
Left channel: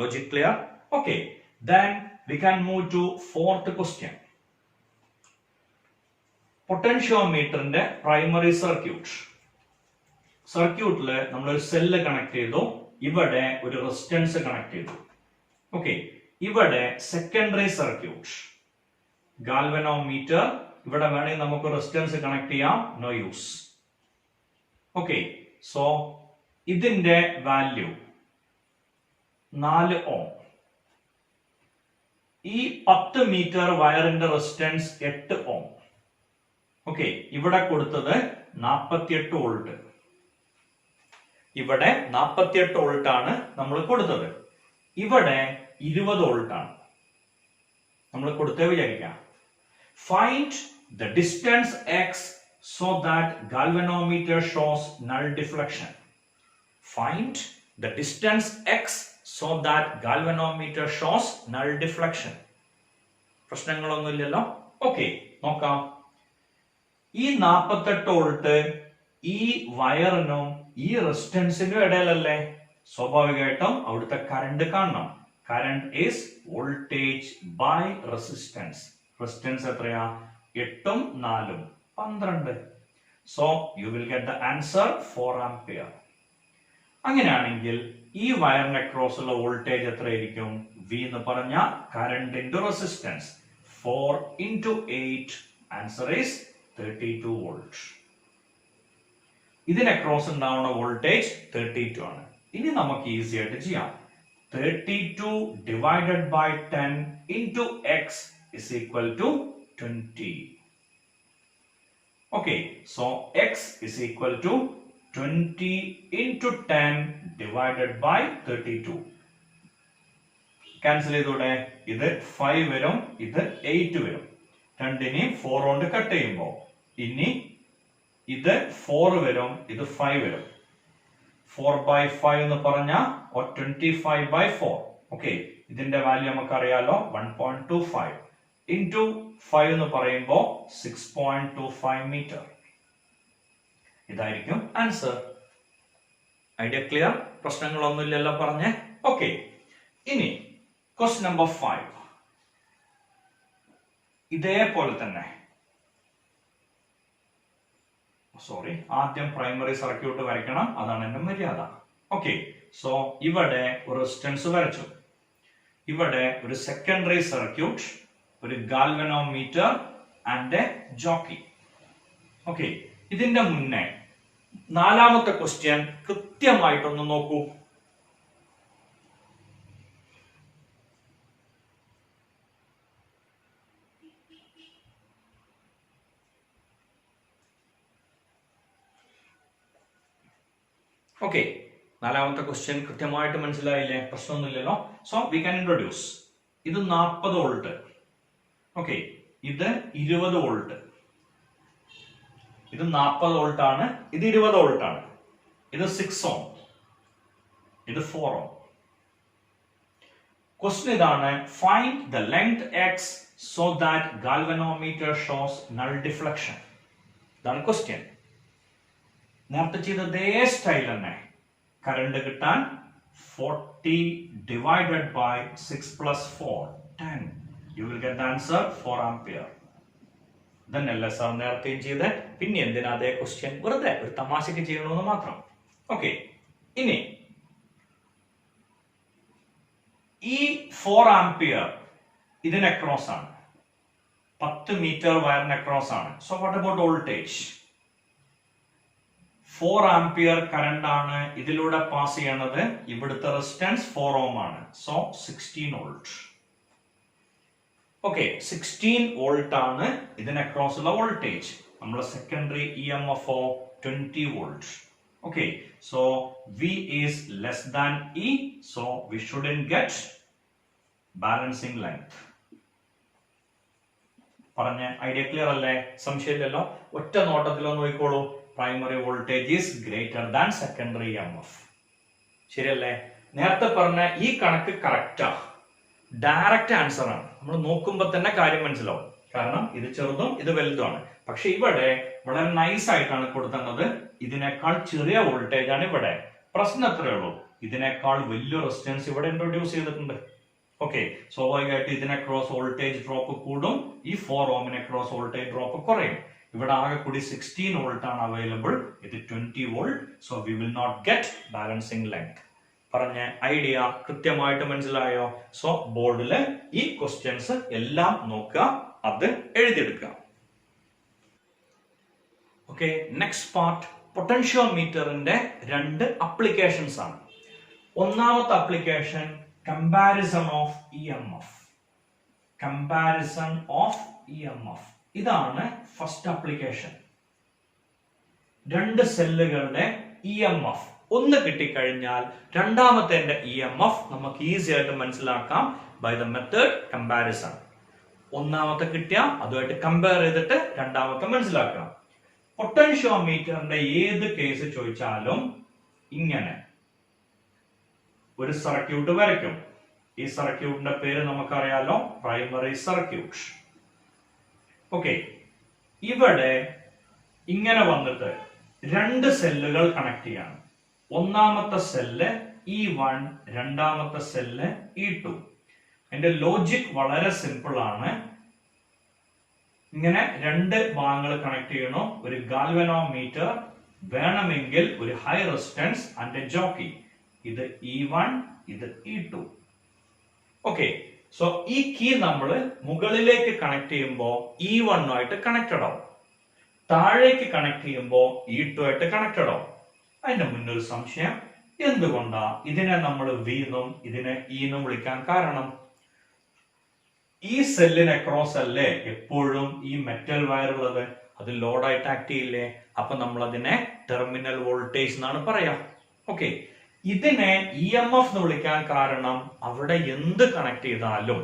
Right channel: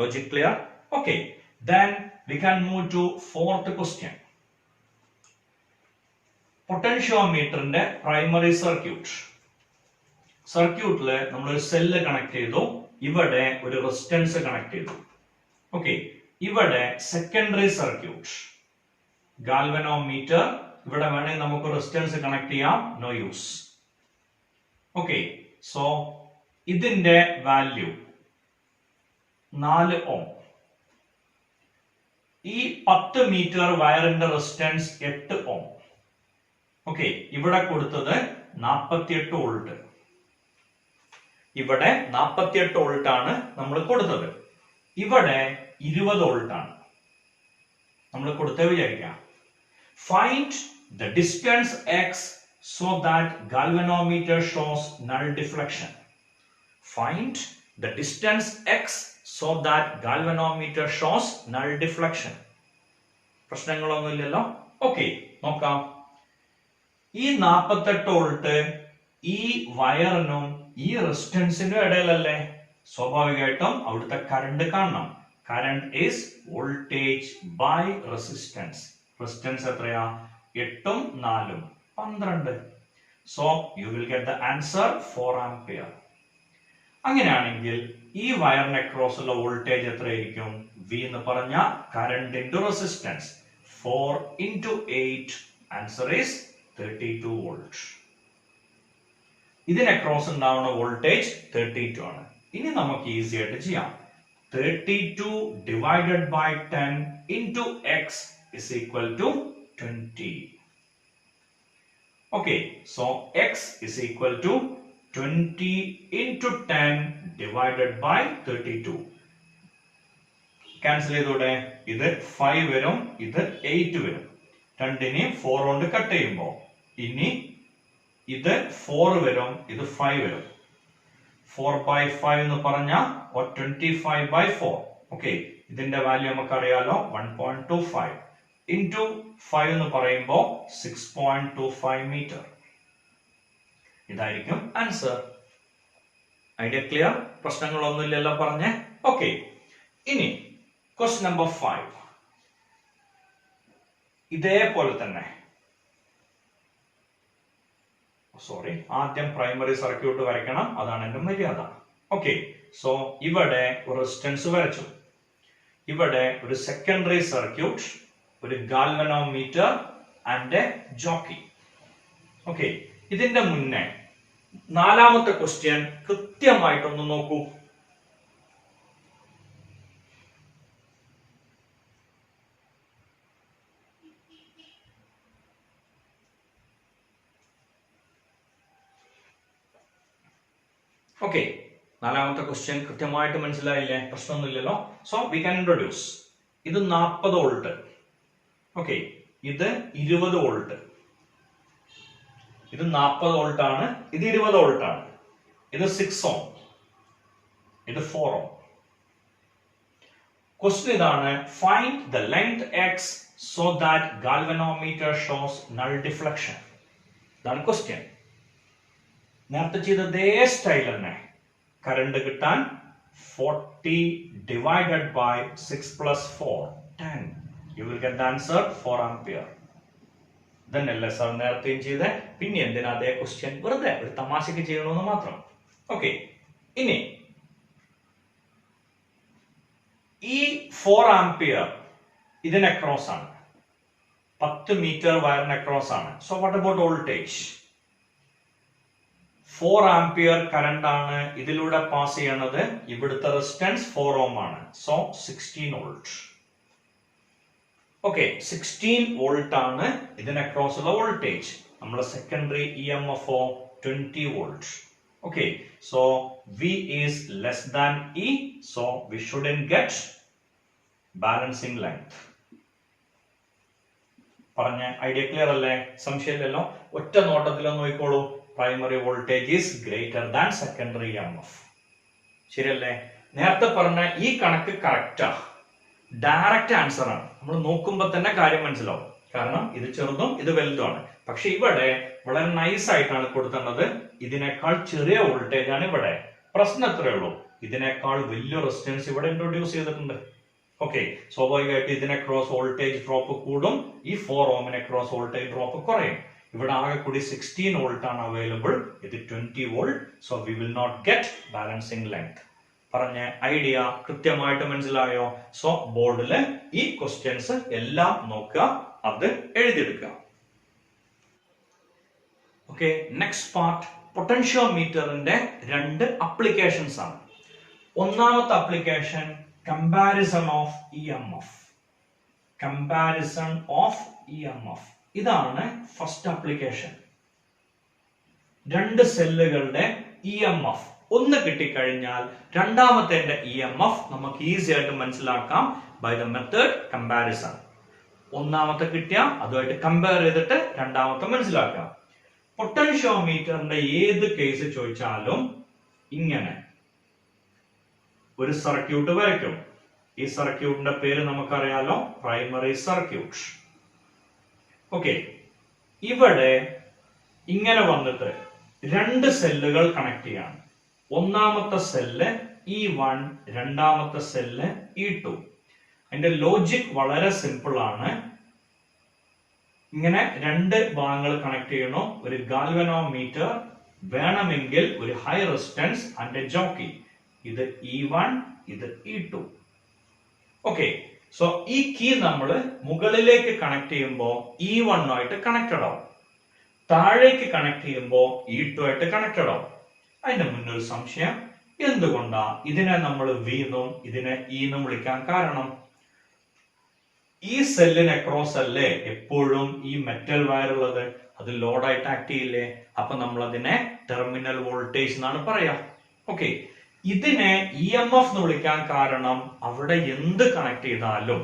Logic clear? Okay, then we can move to fourth question. പൊട്ടൻഷ്യോമീറ്ററിന്റെ പ്രൈമറി സർക്യൂട്ട്. സർക്യൂട്ടില് നമ്മൾ ഒരു സെല്ല് കണക്ട് ചെയ്തു, ഇവിടെ ഒരു റെസിസ്റ്റൻസ് കണക്ട് ചെയ്തു. ഓക്കെ, ഇവിടെ സെക്കൻഡറി സർക്യൂട്ട്, ഗാൽവനോമീറ്റർ, ഇവിടെ വേണമെങ്കിൽ നമുക്ക് റെസിസ്റ്റൻസ് കണക്ട് ചെയ്യാം, നോ യൂസ്. ഓക്കെ, സോ ഇതിന്റെ വാല്യൂ 4 ഓം. ഈ 10 മീറ്റർ വയറിന്റെ റെസിസ്റ്റൻസ് 8 ഓം. ഓക്കെ, ഇവിടെ കൊടുത്തത് 48 വോൾട്ട്. ഇവിടെ 48 വോൾട്ട് ആണ് നമ്മൾ കൊടുത്തത്. ഇവിടെ 20 വോൾട്ട് ആണ് നമ്മൾ കൊടുത്തേ വിചാരിക്കാം. Find the distance x so that galvanometer shows null deflection. Find the distance x so that galvanometer shows null deflection. പ്രശ്നങ്ങളൊന്നുമില്ലല്ലോ. ഓക്കെ, നോക്കാം. ഈ 48 വോൾട്ട് ഈ വയറിനും ഈ റെസിസ്റ്റൻസിനും ഇടയിലല്ലേ? സ്വാഭാവികമായിട്ടും അവിടുത്തെ കറണ്ട് കാണണം. Current is voltage by resistance. Resistance എത്രയാ? 8ഉം 4ഉം 12. So you will get the answer 4 ampere. അങ്ങനെയാണെങ്കിൽ ഈ വയറിന്റെ അക്രോസ് ഉള്ള വോൾട്ടേജ് എത്രയായിരിക്കും? V എന്ന് പറഞ്ഞ current into resistance. 4 into 8, answer is 32 volt. ഇതിന് അക്രോസ് ഉണ്ടാവുന്ന വോൾട്ടേജ് 32 ആണ്. ഇനി നമുക്ക് ഈസി ആയിട്ട് ചെയ്യാം. 32 divided by 10 into x is equal to 20. Okay, so x is equal to 20 into 10 divided by 32. Cancel ചെയ്തോടെ. ഇത് 5 വരും, ഇത് 8 വരും. 2നെ 4 കൊണ്ട് കട്ട് ചെയ്യുമ്പോൾ ഇനി ഇത് 4 വരും, ഇത് 5 വരും. 4 by 5 എന്ന് പറഞ്ഞാൽ 25 by 4. ഓക്കെ, ഇതിന്റെ വാല്യൂ നമുക്ക് അറിയാലോ, 1.25 into 5 എന്ന് പറയുമ്പോൾ 6.25 മീറ്റർ. ഇതായിരിക്കും ആൻസർ. Idea clear? പ്രശ്നങ്ങളൊന്നുമില്ലല്ലോ പറഞ്ഞേ. ഓക്കെ, ഇനി ക്വസ്റ്റ്യൻ നമ്പർ 5. ഇതേപോലെ തന്നെ, സോറി, ആദ്യം പ്രൈമറി സർക്യൂട്ട് വരയ്ക്കണം, അതാണ് എന്റെ മര്യാദ. ഓക്കെ, സോ ഇവിടെ ഒരു റെസിസ്റ്റൻസ് വരച്ചു, ഇവിടെ ഒരു സെക്കൻഡറി സർക്യൂട്ട്, ഒരു galvanometer and a jockey. Okay, ഇതിന്റെ മുന്നേ 4ാമത്തെ ക്വസ്റ്റ്യൻ കൃത്യമായിട്ടൊന്ന് നോക്കൂ. ഓക്കെ, 4ാമത്തെ ക്വസ്റ്റ്യൻ കൃത്യമായിട്ട് മനസ്സിലായില്ലേ? പ്രശ്നമൊന്നുമില്ലല്ലോ. So we can introduce. ഇത് 40 വോൾട്ട്. ഓക്കെ, ഇത് 20 വോൾട്ട്. ഇത് 40 വോൾട്ട് ആണ്, ഇത് 20 വോൾട്ട് ആണ്. ഇത് 6 ഓം, ഇത് 4 ഓം. ക്വസ്റ്റ്യൻ ഇതാണ്, find the length X so that galvanometer shows null deflection. ഇതാണ് ക്വസ്റ്റ്യൻ. നേരത്തെ ചെയ്ത അതേ സ്റ്റൈൽ തന്നെ. കറണ്ട് കിട്ടാൻ 40 divided by 6 plus 4, 10. You will get the answer 4 ampere. ഇതന്നെയല്ലേ sir നേരത്തെയും ചെയ്ത്, പിന്നെ എന്തിനാ അതേ ക്വസ്റ്റ്യൻ, വെറുതെ ഒരു തമാശക്ക് ചെയ്യണമെന്ന് മാത്രം. ഓക്കെ, ഇനി ഈ 4 ആംപിയർ ഇതിന് അക്രോസ് ആണ്, 10 മീറ്റർ വയറിന് അക്രോസ് ആണ്. So what about voltage? 4 ampere current ആണ് ഇതിലൂടെ പാസ് ചെയ്യണത്. ഇവിടുത്തെ റെസിസ്റ്റൻസ് 4 ഓം ആണ്. So 16 volt. ഓക്കെ, 16 വോൾട്ട് ആണ് ഇതിന് അക്രോസ് ഉള്ള വോൾട്ടേജ്. നമ്മുടെ secondary EMF 20 volt. Okay, so V is less than E, so we shouldn't get balancing length. പറഞ്ഞ ഐഡിയ ക്ലിയർ അല്ലേ? സംശയമില്ലല്ലോ. ഒറ്റ നോട്ടത്തിൽ നോക്കിക്കോളൂ. Primary voltage is greater than secondary EMF. ശരിയല്ലേ? നേരത്തെ പറഞ്ഞ ഈ കണക്ക് കറക്റ്റാ, ഡയറക്റ്റ് ആൻസർ ആണ്. നമ്മൾ നോക്കുമ്പോൾ തന്നെ കാര്യം മനസ്സിലാവും. കാരണം ഇത് ചെറുതും ഇത് വലുതുമാണ്. പക്ഷെ ഇവിടെ വളരെ നൈസ് ആയിട്ടാണ് കൊടുക്കുന്നത്. ഇതിനേക്കാൾ ചെറിയ വോൾട്ടേജ് ആണ് ഇവിടെ. പ്രശ്നം എത്രയേ ഉള്ളൂ, ഇതിനേക്കാൾ വലിയ റെസിസ്റ്റൻസ് ഇവിടെ ഇൻട്രൊഡ്യൂസ് ചെയ്തിട്ടുണ്ട്. ഓക്കെ, സ്വാഭാവികമായിട്ട് ഇതിനെ ക്രോസ് വോൾട്ടേജ് ഡ്രോപ്പ് കൂടും, ഈ 4 ഓമിനെ ക്രോസ് വോൾട്ടേജ് ഡ്രോപ്പ് കുറയും. ഇവിടെ ആകെ കൂടി 16 വോൾട്ട് ആണ് അവൈലബിൾ, ഇത് 20 volt. So we will not get balancing length. പറഞ്ഞ ഐഡിയ കൃത്യമായിട്ട് മനസ്സിലായോ? സോ ബോർഡിൽ ഈ ക്വസ്റ്റ്യൻസ് എല്ലാം നോക്കുക, അത് എഴുതിയെടുക്കുക. ഓക്കെ, നെക്സ്റ്റ് പാർട്ട് പൊട്ടൻഷ്യോമീറ്ററിന്റെ 2 അപ്ലിക്കേഷൻസ് ആണ്. ഒന്നാമത്തെ application comparison of EMF. Comparison of EMF ഇതാണ് ഫസ്റ്റ് അപ്ലിക്കേഷൻ. 2 സെല്ലുകളുടെ EMF ഒന്ന് കിട്ടിക്കഴിഞ്ഞാൽ രണ്ടാമത്തെ EMF നമുക്ക് ഈസി ആയിട്ട് മനസ്സിലാക്കാം ബൈ ദ മെത്തേഡ് കമ്പാരിസൺ. ഒന്നാമത്തെ കിട്ടിയ അതുമായിട്ട് കമ്പയർ ചെയ്തിട്ട് രണ്ടാമത്തെ മനസ്സിലാക്കാം. പൊട്ടൻഷ്യോമീറ്ററിന്റെ ഏത് കേസ് ചോദിച്ചാലും ഇങ്ങനെ ഒരു സർക്യൂട്ട് വരയ്ക്കും. ഈ സർക്യൂട്ടിന്റെ പേര് നമുക്കറിയാലോ, പ്രൈമറി സർക്യൂട്ട്. ഓക്കെ, ഇവിടെ ഇങ്ങനെ വന്നിട്ട് 2 സെല്ലുകൾ കണക്ട് ചെയ്യാണ്. ഒന്നാമത്തെ സെല്ല് E1, രണ്ടാമത്തെ സെല്ല് E2. അതിന്റെ ലോജിക് വളരെ സിമ്പിൾ ആണ്. ഇങ്ങനെ 2 ഭാഗങ്ങൾ കണക്ട് ചെയ്യണോ. ഒരു ഗാൽവനോമീറ്റർ വേണമെങ്കിൽ ഒരു ഹൈ റെസിസ്റ്റൻസ് ആൻഡ് ജോക്കി. ഇത് E1, ഇത് E2. ഓക്കെ, സോ ഈ കീ നമ്മൾ മുകളിലേക്ക് കണക്ട് ചെയ്യുമ്പോൾ E1 ആയിട്ട് കണക്റ്റഡ് ആവും, താഴേക്ക് കണക്ട് ചെയ്യുമ്പോൾ E2 ആയിട്ട് കണക്റ്റഡ് ആവും. അതിന്റെ മുന്നൊരു സംശയം, എന്തുകൊണ്ടാ ഇതിനെ നമ്മൾ V എന്നും ഇതിനെ E എന്നും വിളിക്കാൻ കാരണം? ഈ സെല്ലിന് അക്രോസ് അല്ലേ എപ്പോഴും ഈ മെറ്റൽ വയർ ഉള്ളത്, അത് ലോഡായിട്ട് ആക്ട് ചെയ്യില്ലേ? അപ്പൊ നമ്മൾ അതിനെ ടെർമിനൽ വോൾട്ടേജ് എന്നാണ് പറയാ. ഓക്കെ, ഇതിനെ EMF എന്ന് വിളിക്കാൻ കാരണം അവിടെ എന്ത് കണക്ട് ചെയ്താലും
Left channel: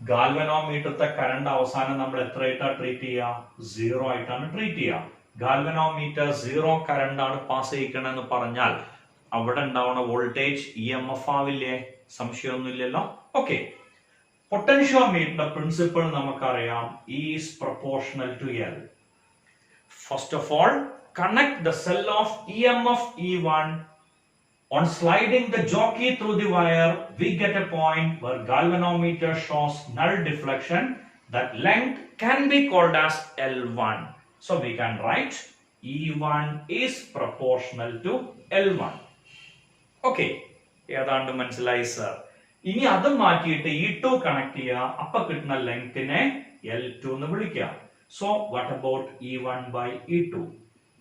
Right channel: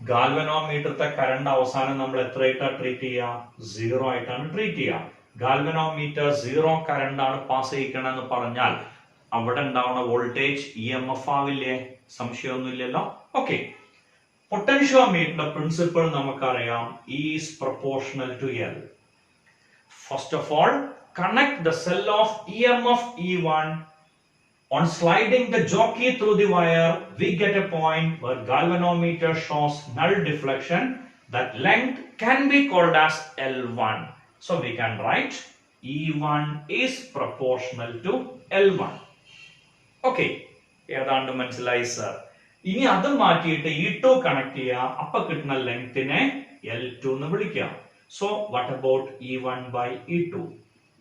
ഗാൽവനോമീറ്ററത്തെ കറണ്ട് അവസാനം നമ്മൾ എത്രയായിട്ടാണ് ട്രീറ്റ് ചെയ്യുക? 0 ആയിട്ടാണ് ട്രീറ്റ് ചെയ്യുക. ഗാൽവനോമീറ്റർ 0 കറണ്ട് ആണ് പാസ് ചെയ്യിക്കണമെന്ന് പറഞ്ഞാൽ അവിടെ ഉണ്ടാവുന്ന വോൾട്ടേജ് EMF ആവില്ലേ? സംശയമൊന്നുമില്ലല്ലോ. ഓക്കെ, പൊട്ടൻഷ്യോമീറ്ററിന്റെ പ്രിൻസിപ്പിൾ നമുക്കറിയാം, is proportional to L. First of all connect the cell of EMF E1. On sliding the jockey through the wire, we get a point where galvanometer shows null deflection. That length can be called as L1. So we can write E1 is proportional to L1. Okay, ഏതാണ്ട് മനസ്സിലായി സർ. ഇനി അത് മാറ്റിയിട്ട് E2 കണക്ട് ചെയ്യുക, അപ്പൊ കിട്ടുന്ന ലെങ്തിനെ L2 എന്ന് വിളിക്കുക. So what about E1 by E2?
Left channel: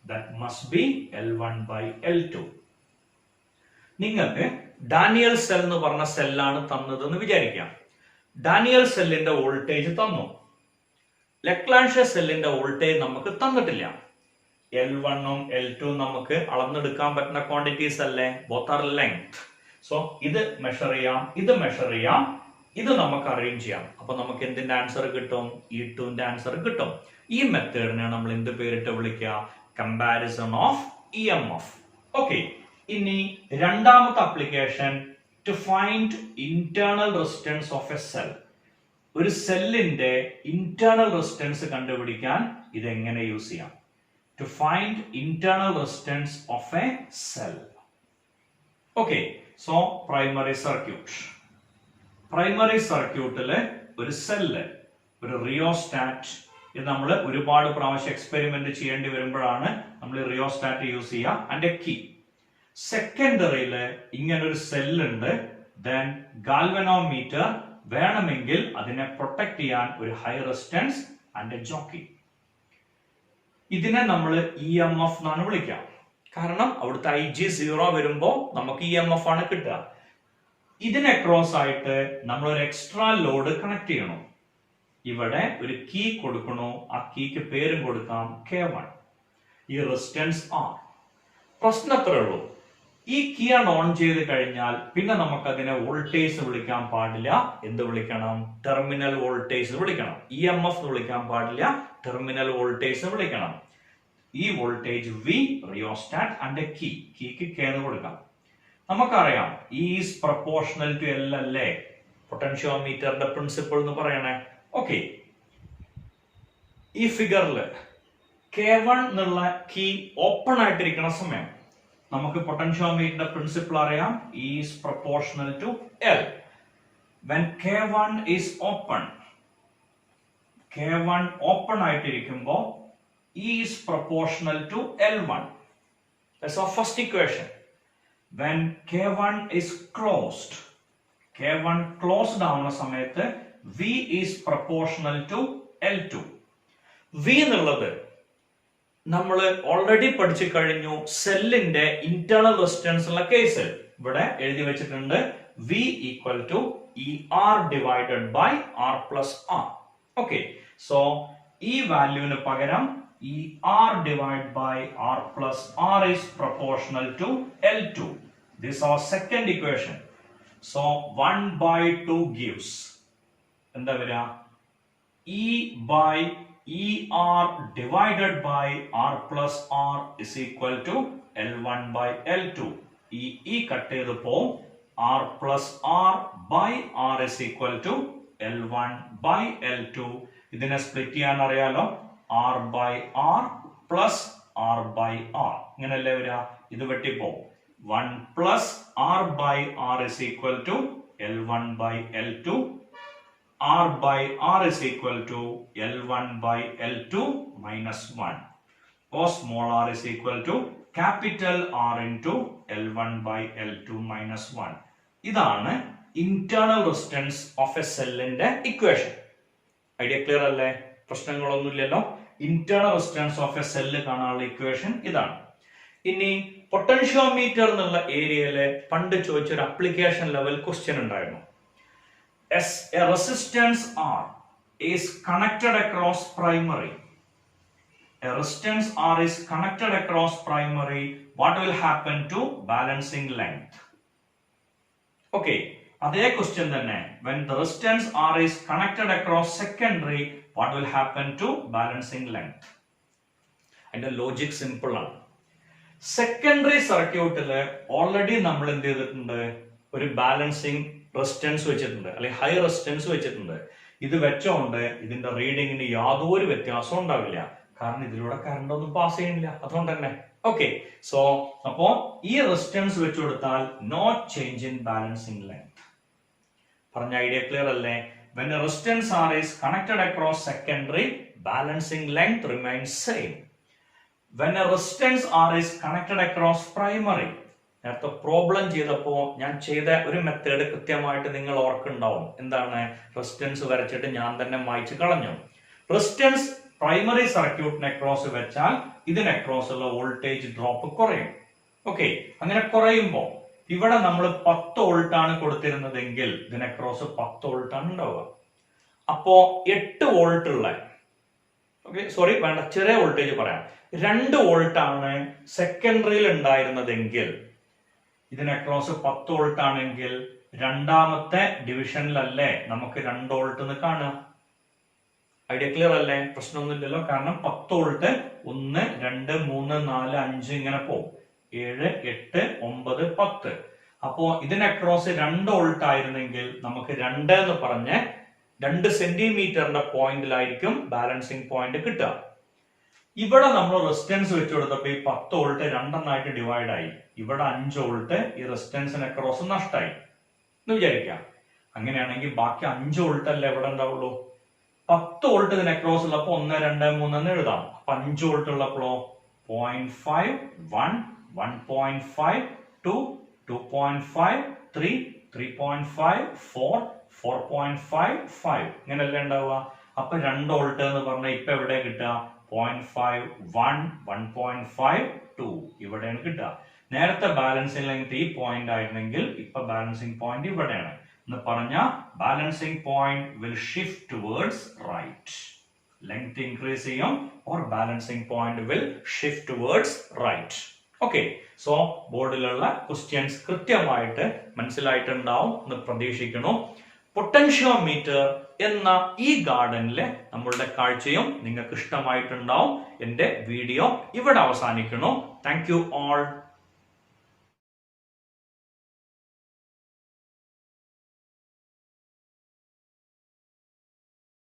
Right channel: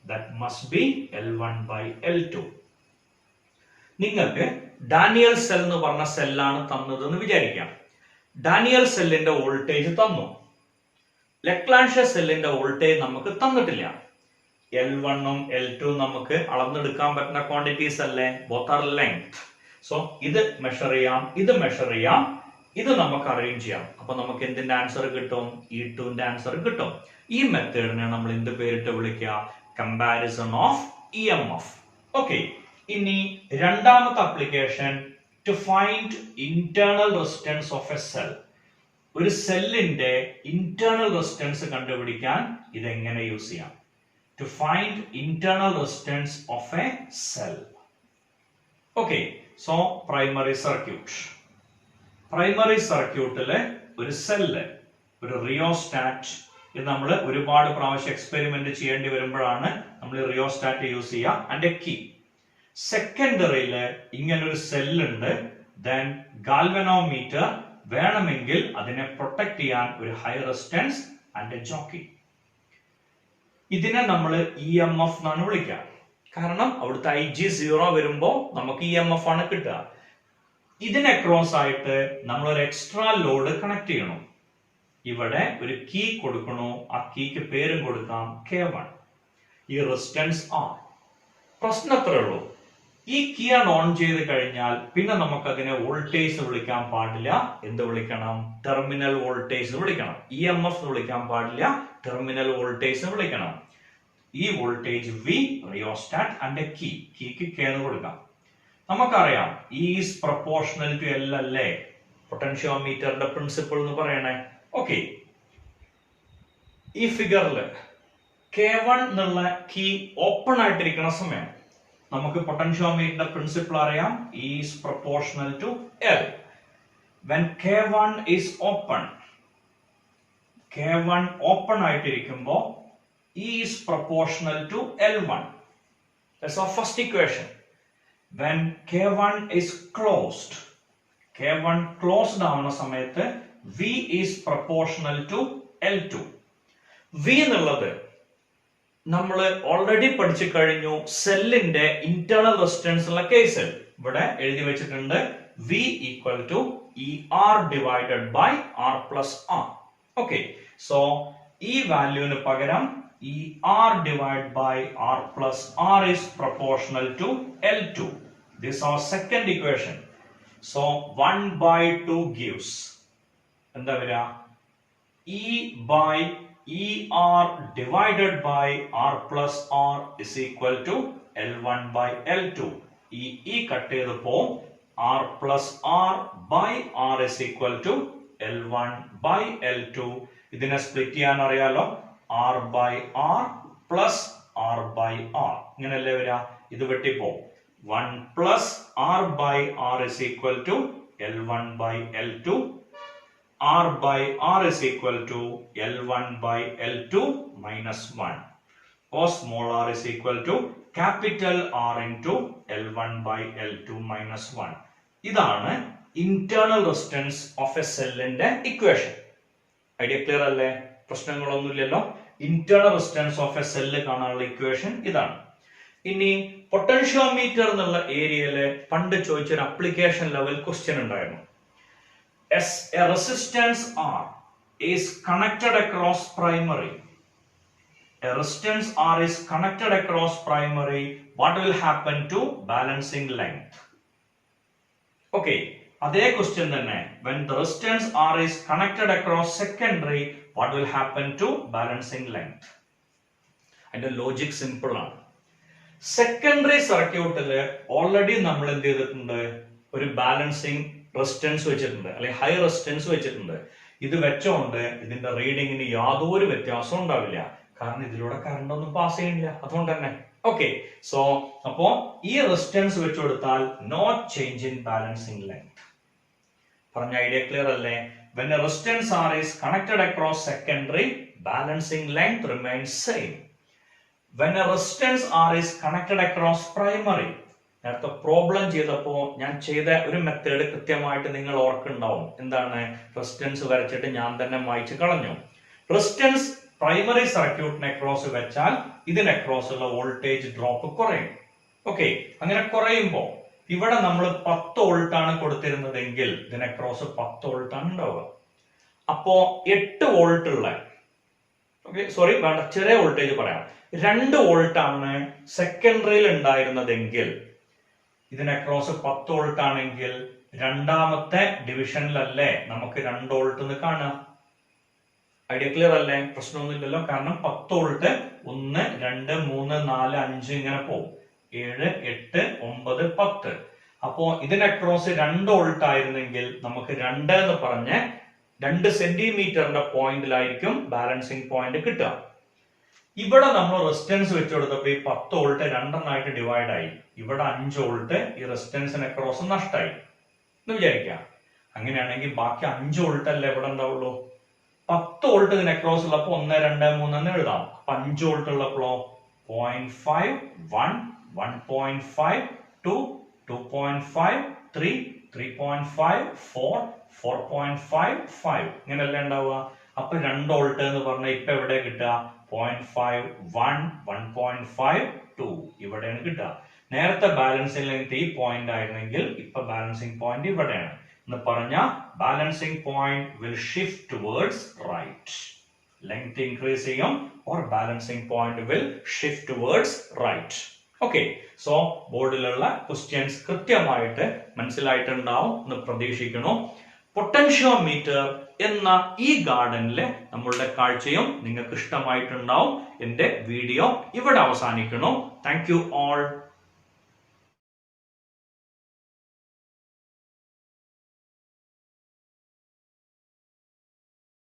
That must be L1 by L2. നിങ്ങൾക്ക് ഡാനിയൽ സെൽ എന്ന് പറഞ്ഞ സെല്ലാണ് തന്നതെന്ന് വിചാരിക്കാം. ഡാനിയൽ സെല്ലിന്റെ വോൾട്ടേജ് തന്നു, ലെക്ലാൻഷെ സെല്ലിന്റെ വോൾട്ടേജ് നമുക്ക് തന്നിട്ടില്ല. L1 ഉം L2 നമുക്ക് അളന്നെടുക്കാൻ പറ്റുന്ന ക്വാണ്ടിറ്റീസ് അല്ലേ, ബോത്ത് ആർ ലെങ്ത്. സോ ഇത് മെഷർ ചെയ്യാം, ഇത് മെഷർ ചെയ്യാം, ഇത് നമുക്ക് അറേഞ്ച് ചെയ്യാം. അപ്പൊ നമുക്ക് എന്തിന്റെ ആൻസർ കിട്ടും? E2ന്റെ ആൻസർ കിട്ടും. ഈ മെത്തേഡിനെ നമ്മൾ എന്ത് പേരിട്ട് വിളിക്കുക? Comparison of EMF. ഓക്കെ, ഇനി രണ്ടാമത്തെ application to find internal resistance of a cell. ഒരു സെല്ലിന്റെ ഇന്റേണൽ റെസിസ്റ്റൻസ് കണ്ടുപിടിക്കാൻ ഇത് എങ്ങനെ യൂസ് ചെയ്യാം? To find internal resistance of a cell. Okay, so primary circuit. Primary circuitല് ഒരു സെല്ല്, ഒരു റിയോസ്റ്റാറ്റ്, ഇത് നമ്മൾ ഒരുപാട് പ്രാവശ്യം എക്സ്പെരിമെന്റ് ചെയ്യേണ്ടി വരുമ്പോഴാണ് നമ്മൾ റിയോസ്റ്റാറ്റ് യൂസ് ചെയ്യുക. And a key. സെക്കൻഡറിയില് ഇങ്ങനൊരു സെല്ലുണ്ട്. ദെൻ ഗാൽവനോമീറ്റർ, വേണമെങ്കിൽ അതിനെ പ്രൊട്ടക്ട് ചെയ്യാൻ ഒരു high resistance and a jockey. ഇതിനെ നമ്മൾ EMF എന്നാണ് വിളിക്കുക. കാരണം അവിടുത്തെ IG0 വരുമ്പോ നമുക്ക് EMF ആണ് കിട്ടുക. ഇതിന് അക്രോസ് ആയിട്ട് നമ്മൾ ഒരു എക്സ്ട്രാ ലോഡ് കണക്ട് ചെയ്യണം. ഇവിടെ ഒരു കീ കൊടുക്കണോ, ആ കീക്ക് പേരും കൊടുക്കാം K1. ഈ റെസിസ്റ്റൻസ് R. പ്രശ്നം അത്രേ ഉള്ളൂ, ഈ കീ ആണ് ഓൺ ചെയ്ത് കഴിഞ്ഞാൽ പിന്നെ നമുക്ക് അതിനെ വോൾട്ടേജ് വിളിക്കാൻ പാടില്ല. എന്ത് വിളിക്കണം? ടെർമിനൽ വോൾട്ടേജ് വിളിക്കണം. EMF വിളിക്കാൻ പാടില്ല, ടെർമിനൽ വോൾട്ടേജ് വിളിക്കണം. ഈ voltage V, rheostat and a key. കീക്ക് K എന്ന് കൊടുക്കാം. നമുക്കറിയാം E is proportional to L അല്ലേ പൊട്ടൻഷ്യോമീറ്ററിന്റെ പ്രിൻസിപ്പിൾ എന്ന് പറയണേ. ഓക്കെ, ഈ ഫിഗറില് K1 എന്നുള്ള കീ ഓപ്പൺ ആയിട്ടിരിക്കുന്ന സമയം നമുക്ക് പൊട്ടൻഷ്യോമീറ്ററിന്റെ പ്രിൻസിപ്പിൾ അറിയാം. E is proportional to L. When K1 is open, K1 open ആയിട്ടിരിക്കുമ്പോ E is proportional to L1. That's our first equation. When K1 is closed, K1 closed ആവുന്ന സമയത്ത് V is proportional to L2. V എന്നുള്ളത് നമ്മൾ ഓൾറെഡി പഠിച്ചു കഴിഞ്ഞു. സെല്ലിന്റെ ഇന്റേണൽ റെസിസ്റ്റൻസ് ഉള്ള കേസിൽ ഇവിടെ എഴുതി വെച്ചിട്ടുണ്ട് V equal to ER divided by R plus R. Okay, so ഈ വാല്യൂവിന് പകരം ER divided by R plus R is proportional to L2. This is our second equation. So 1 by 2 gives എന്താ വരിക? E by ER divided by R plus R is equal to L1 by L2. E cut ചെയ്തപ്പോ R plus R by R is equal to L1 by L2. ഇതിനെ സ്പ്ലിറ്റ് ചെയ്യാൻ അറിയാലോ, R by R plus R by R. ഇങ്ങനെയല്ലേ വരിക? ഇത് വെട്ടിപ്പോ 1 plus R by R is equal to L1 by L2. R by R is equal to L1 by L2 minus 1. Or small r is equal to capital R into L1 by L2 minus 1. ഇതാണ് internal resistance of a cell ന്റെ equation. ഐഡിയ ക്ലിയർ അല്ലേ? പ്രശ്നങ്ങളൊന്നുമില്ലല്ലോ. Internal resistance of a cell കാണാനുള്ള ഇക്വേഷൻ ഇതാണ്. ഇനി പൊട്ടൻഷ്യോമീറ്റർ എന്നുള്ള ഏരിയയില് പണ്ട് ചോദിച്ചൊരു അപ്ലിക്കേഷൻ ലെവൽ ക്വസ്റ്റ്യൻ ഉണ്ടായിരുന്നു. As a resistance R is connected across primary, a resistance R is connected across primary, what will happen to balancing length? Okay, അതേ ക്വസ്റ്റ്യൻ തന്നെ. When the resistance R is connected across secondary, what will happen to balancing length? അതിന്റെ ലോജിക് സിമ്പിൾ ആണ്. സെക്കൻഡറി സർക്യൂട്ടില് ഓൾറെഡി നമ്മൾ എന്ത് ചെയ്തിട്ടുണ്ട്? ഒരു ബാലൻസിങ് റെസിസ്റ്റൻസ് വെച്ചിട്ടുണ്ട്, അല്ലെങ്കിൽ ഹൈ റെസിസ്റ്റൻസ് വെച്ചിട്ടുണ്ട്. ഇത് വെച്ചോണ്ട് ഇതിന്റെ റീഡിങ്ങിന് യാതൊരു വ്യത്യാസവും ഉണ്ടാവില്ല. കാരണം ഇതിലൂടെ കറണ്ട് ഒന്നും പാസ് ചെയ്യുന്നില്ല, അതുകൊണ്ട് തന്നെ. ഓക്കെ, സോ അപ്പോ ഈ റെസിസ്റ്റൻസ് വെച്ച് കൊടുത്താൽ no change in balancing length. പറഞ്ഞ ഐഡിയ ക്ലിയർ അല്ലേ? When a resistance R is connected across secondary, balancing length remains same. When a resistance R is connected across primary, നേരത്തെ പ്രോബ്ലം ചെയ്തപ്പോ ഞാൻ ചെയ്ത ഒരു മെത്തേഡ് കൃത്യമായിട്ട് നിങ്ങൾ ഓർക്കുണ്ടാവും. എന്താണ്? റെസിസ്റ്റൻസ് വരച്ചിട്ട് ഞാൻ തന്നെ മായ്ച്ചു കളഞ്ഞു. റെസിസ്റ്റൻസ് പ്രൈമറി സർക്യൂട്ടിന് അക്രോസ് വെച്ചാൽ ഇതിന് അക്രോസ് ഉള്ള വോൾട്ടേജ് ഡ്രോപ്പ് കുറയും. ഓക്കെ, അങ്ങനെ കുറയുമ്പോ ഇവിടെ നമ്മൾ 10 വോൾട്ട് ആണ് കൊടുത്തിരുന്നതെങ്കിൽ ഇതിന് അക്രോസ് 10 വോൾട്ട് ആണ് ഉണ്ടാവുക. അപ്പോ 8 വോൾട്ട് ഉള്ള, ഓക്കെ സോറി വേണ്ട, ചെറിയ വോൾട്ടേജ് പറയാം, 2 വോൾട്ട് ആണ് സെക്കൻഡറിയിൽ ഉണ്ടായിരുന്നതെങ്കിൽ ഇതിന് അക്രോസ് 10 വോൾട്ട് ആണെങ്കിൽ രണ്ടാമത്തെ ഡിവിഷനിലല്ലേ നമുക്ക് 2 വോൾട്ട് എന്ന് കാണാം. ഐഡിയ ക്ലിയർ അല്ലേ? പ്രശ്നമൊന്നുമില്ലല്ലോ. കാരണം 10 വോൾട്ട് 1 2 3 4 5 ഇങ്ങനെ പോകും. 7 8 9 10. അപ്പോ ഇതിന് അക്രോസ് 2 വോൾട്ട് ആയിരുന്നെങ്കിൽ നമുക്ക് 2 എന്ന് പറഞ്ഞ് 2 സെന്റിമീറ്ററിന്റെ പോയിന്റിലായിരിക്കും ബാലൻസിങ് പോയിന്റ് കിട്ടുക. ഇവിടെ നമ്മൾ റെസിസ്റ്റൻസ് വെച്ച് കൊടുത്തപ്പോ ഈ 10 വോൾട്ട് 2 ഡിവൈഡ് ആയി. ഇവിടെ 5 വോൾട്ട് ഈ റെസിസ്റ്റൻസിന് അക്രോസ് നഷ്ടമായി എന്ന് വിചാരിക്കാം. അങ്ങനെയാണെങ്കിൽ ബാക്കി 5 വോൾട്ട് അല്ലേ എവിടെ ഉണ്ടാവുള്ളൂ? 10 വോൾട്ട് ഇതിന് അക്രോസ് ഉള്ളപ്പോ 1, 2, 3 എന്ന് എഴുതാം. അപ്പൊ 5 വോൾട്ട് ഉള്ളപ്പോഴോ 0.5, 1, 1.5, 2, 2.5, 3, 3.5, 4, 4.5, 5 ഇങ്ങനെയല്ലേ ഉണ്ടാവുക. അപ്പൊ 2 വോൾട്ട് എന്ന് പറഞ്ഞാൽ ഇപ്പൊ എവിടെ കിട്ടുക? 0.5, 1, 1.5, 2 ഇവിടെയാണ് കിട്ടുക. നേരത്തെ ബാലൻസിംഗ് ലെങ്ത് ഈ പോയിന്റ് ആയിരുന്നെങ്കിൽ ഇപ്പൊ ബാലൻസിംഗ് പോയിന്റ് ഇവിടെയാണ് എന്ന് പറഞ്ഞാൽ balancing point will shift towards right. Length increase ചെയ്യും or balancing point will shift towards right. Okay, so ബോർഡിലുള്ള ക്വസ്റ്റ്യൻസ് കൃത്യമായിട്ട് മനസ്സിലായിട്ടുണ്ടാവും എന്ന് പ്രതീക്ഷിക്കുന്നു. പൊട്ടൻഷ്യോമീറ്റർ എന്ന ഈ ഗാർഡനിലെ നമ്മളുടെ കാഴ്ചയും നിങ്ങൾക്ക് ഇഷ്ടമായിട്ടുണ്ടാവും. എന്റെ വീഡിയോ ഇവിടെ അവസാനിക്കുന്നു. Thank you all.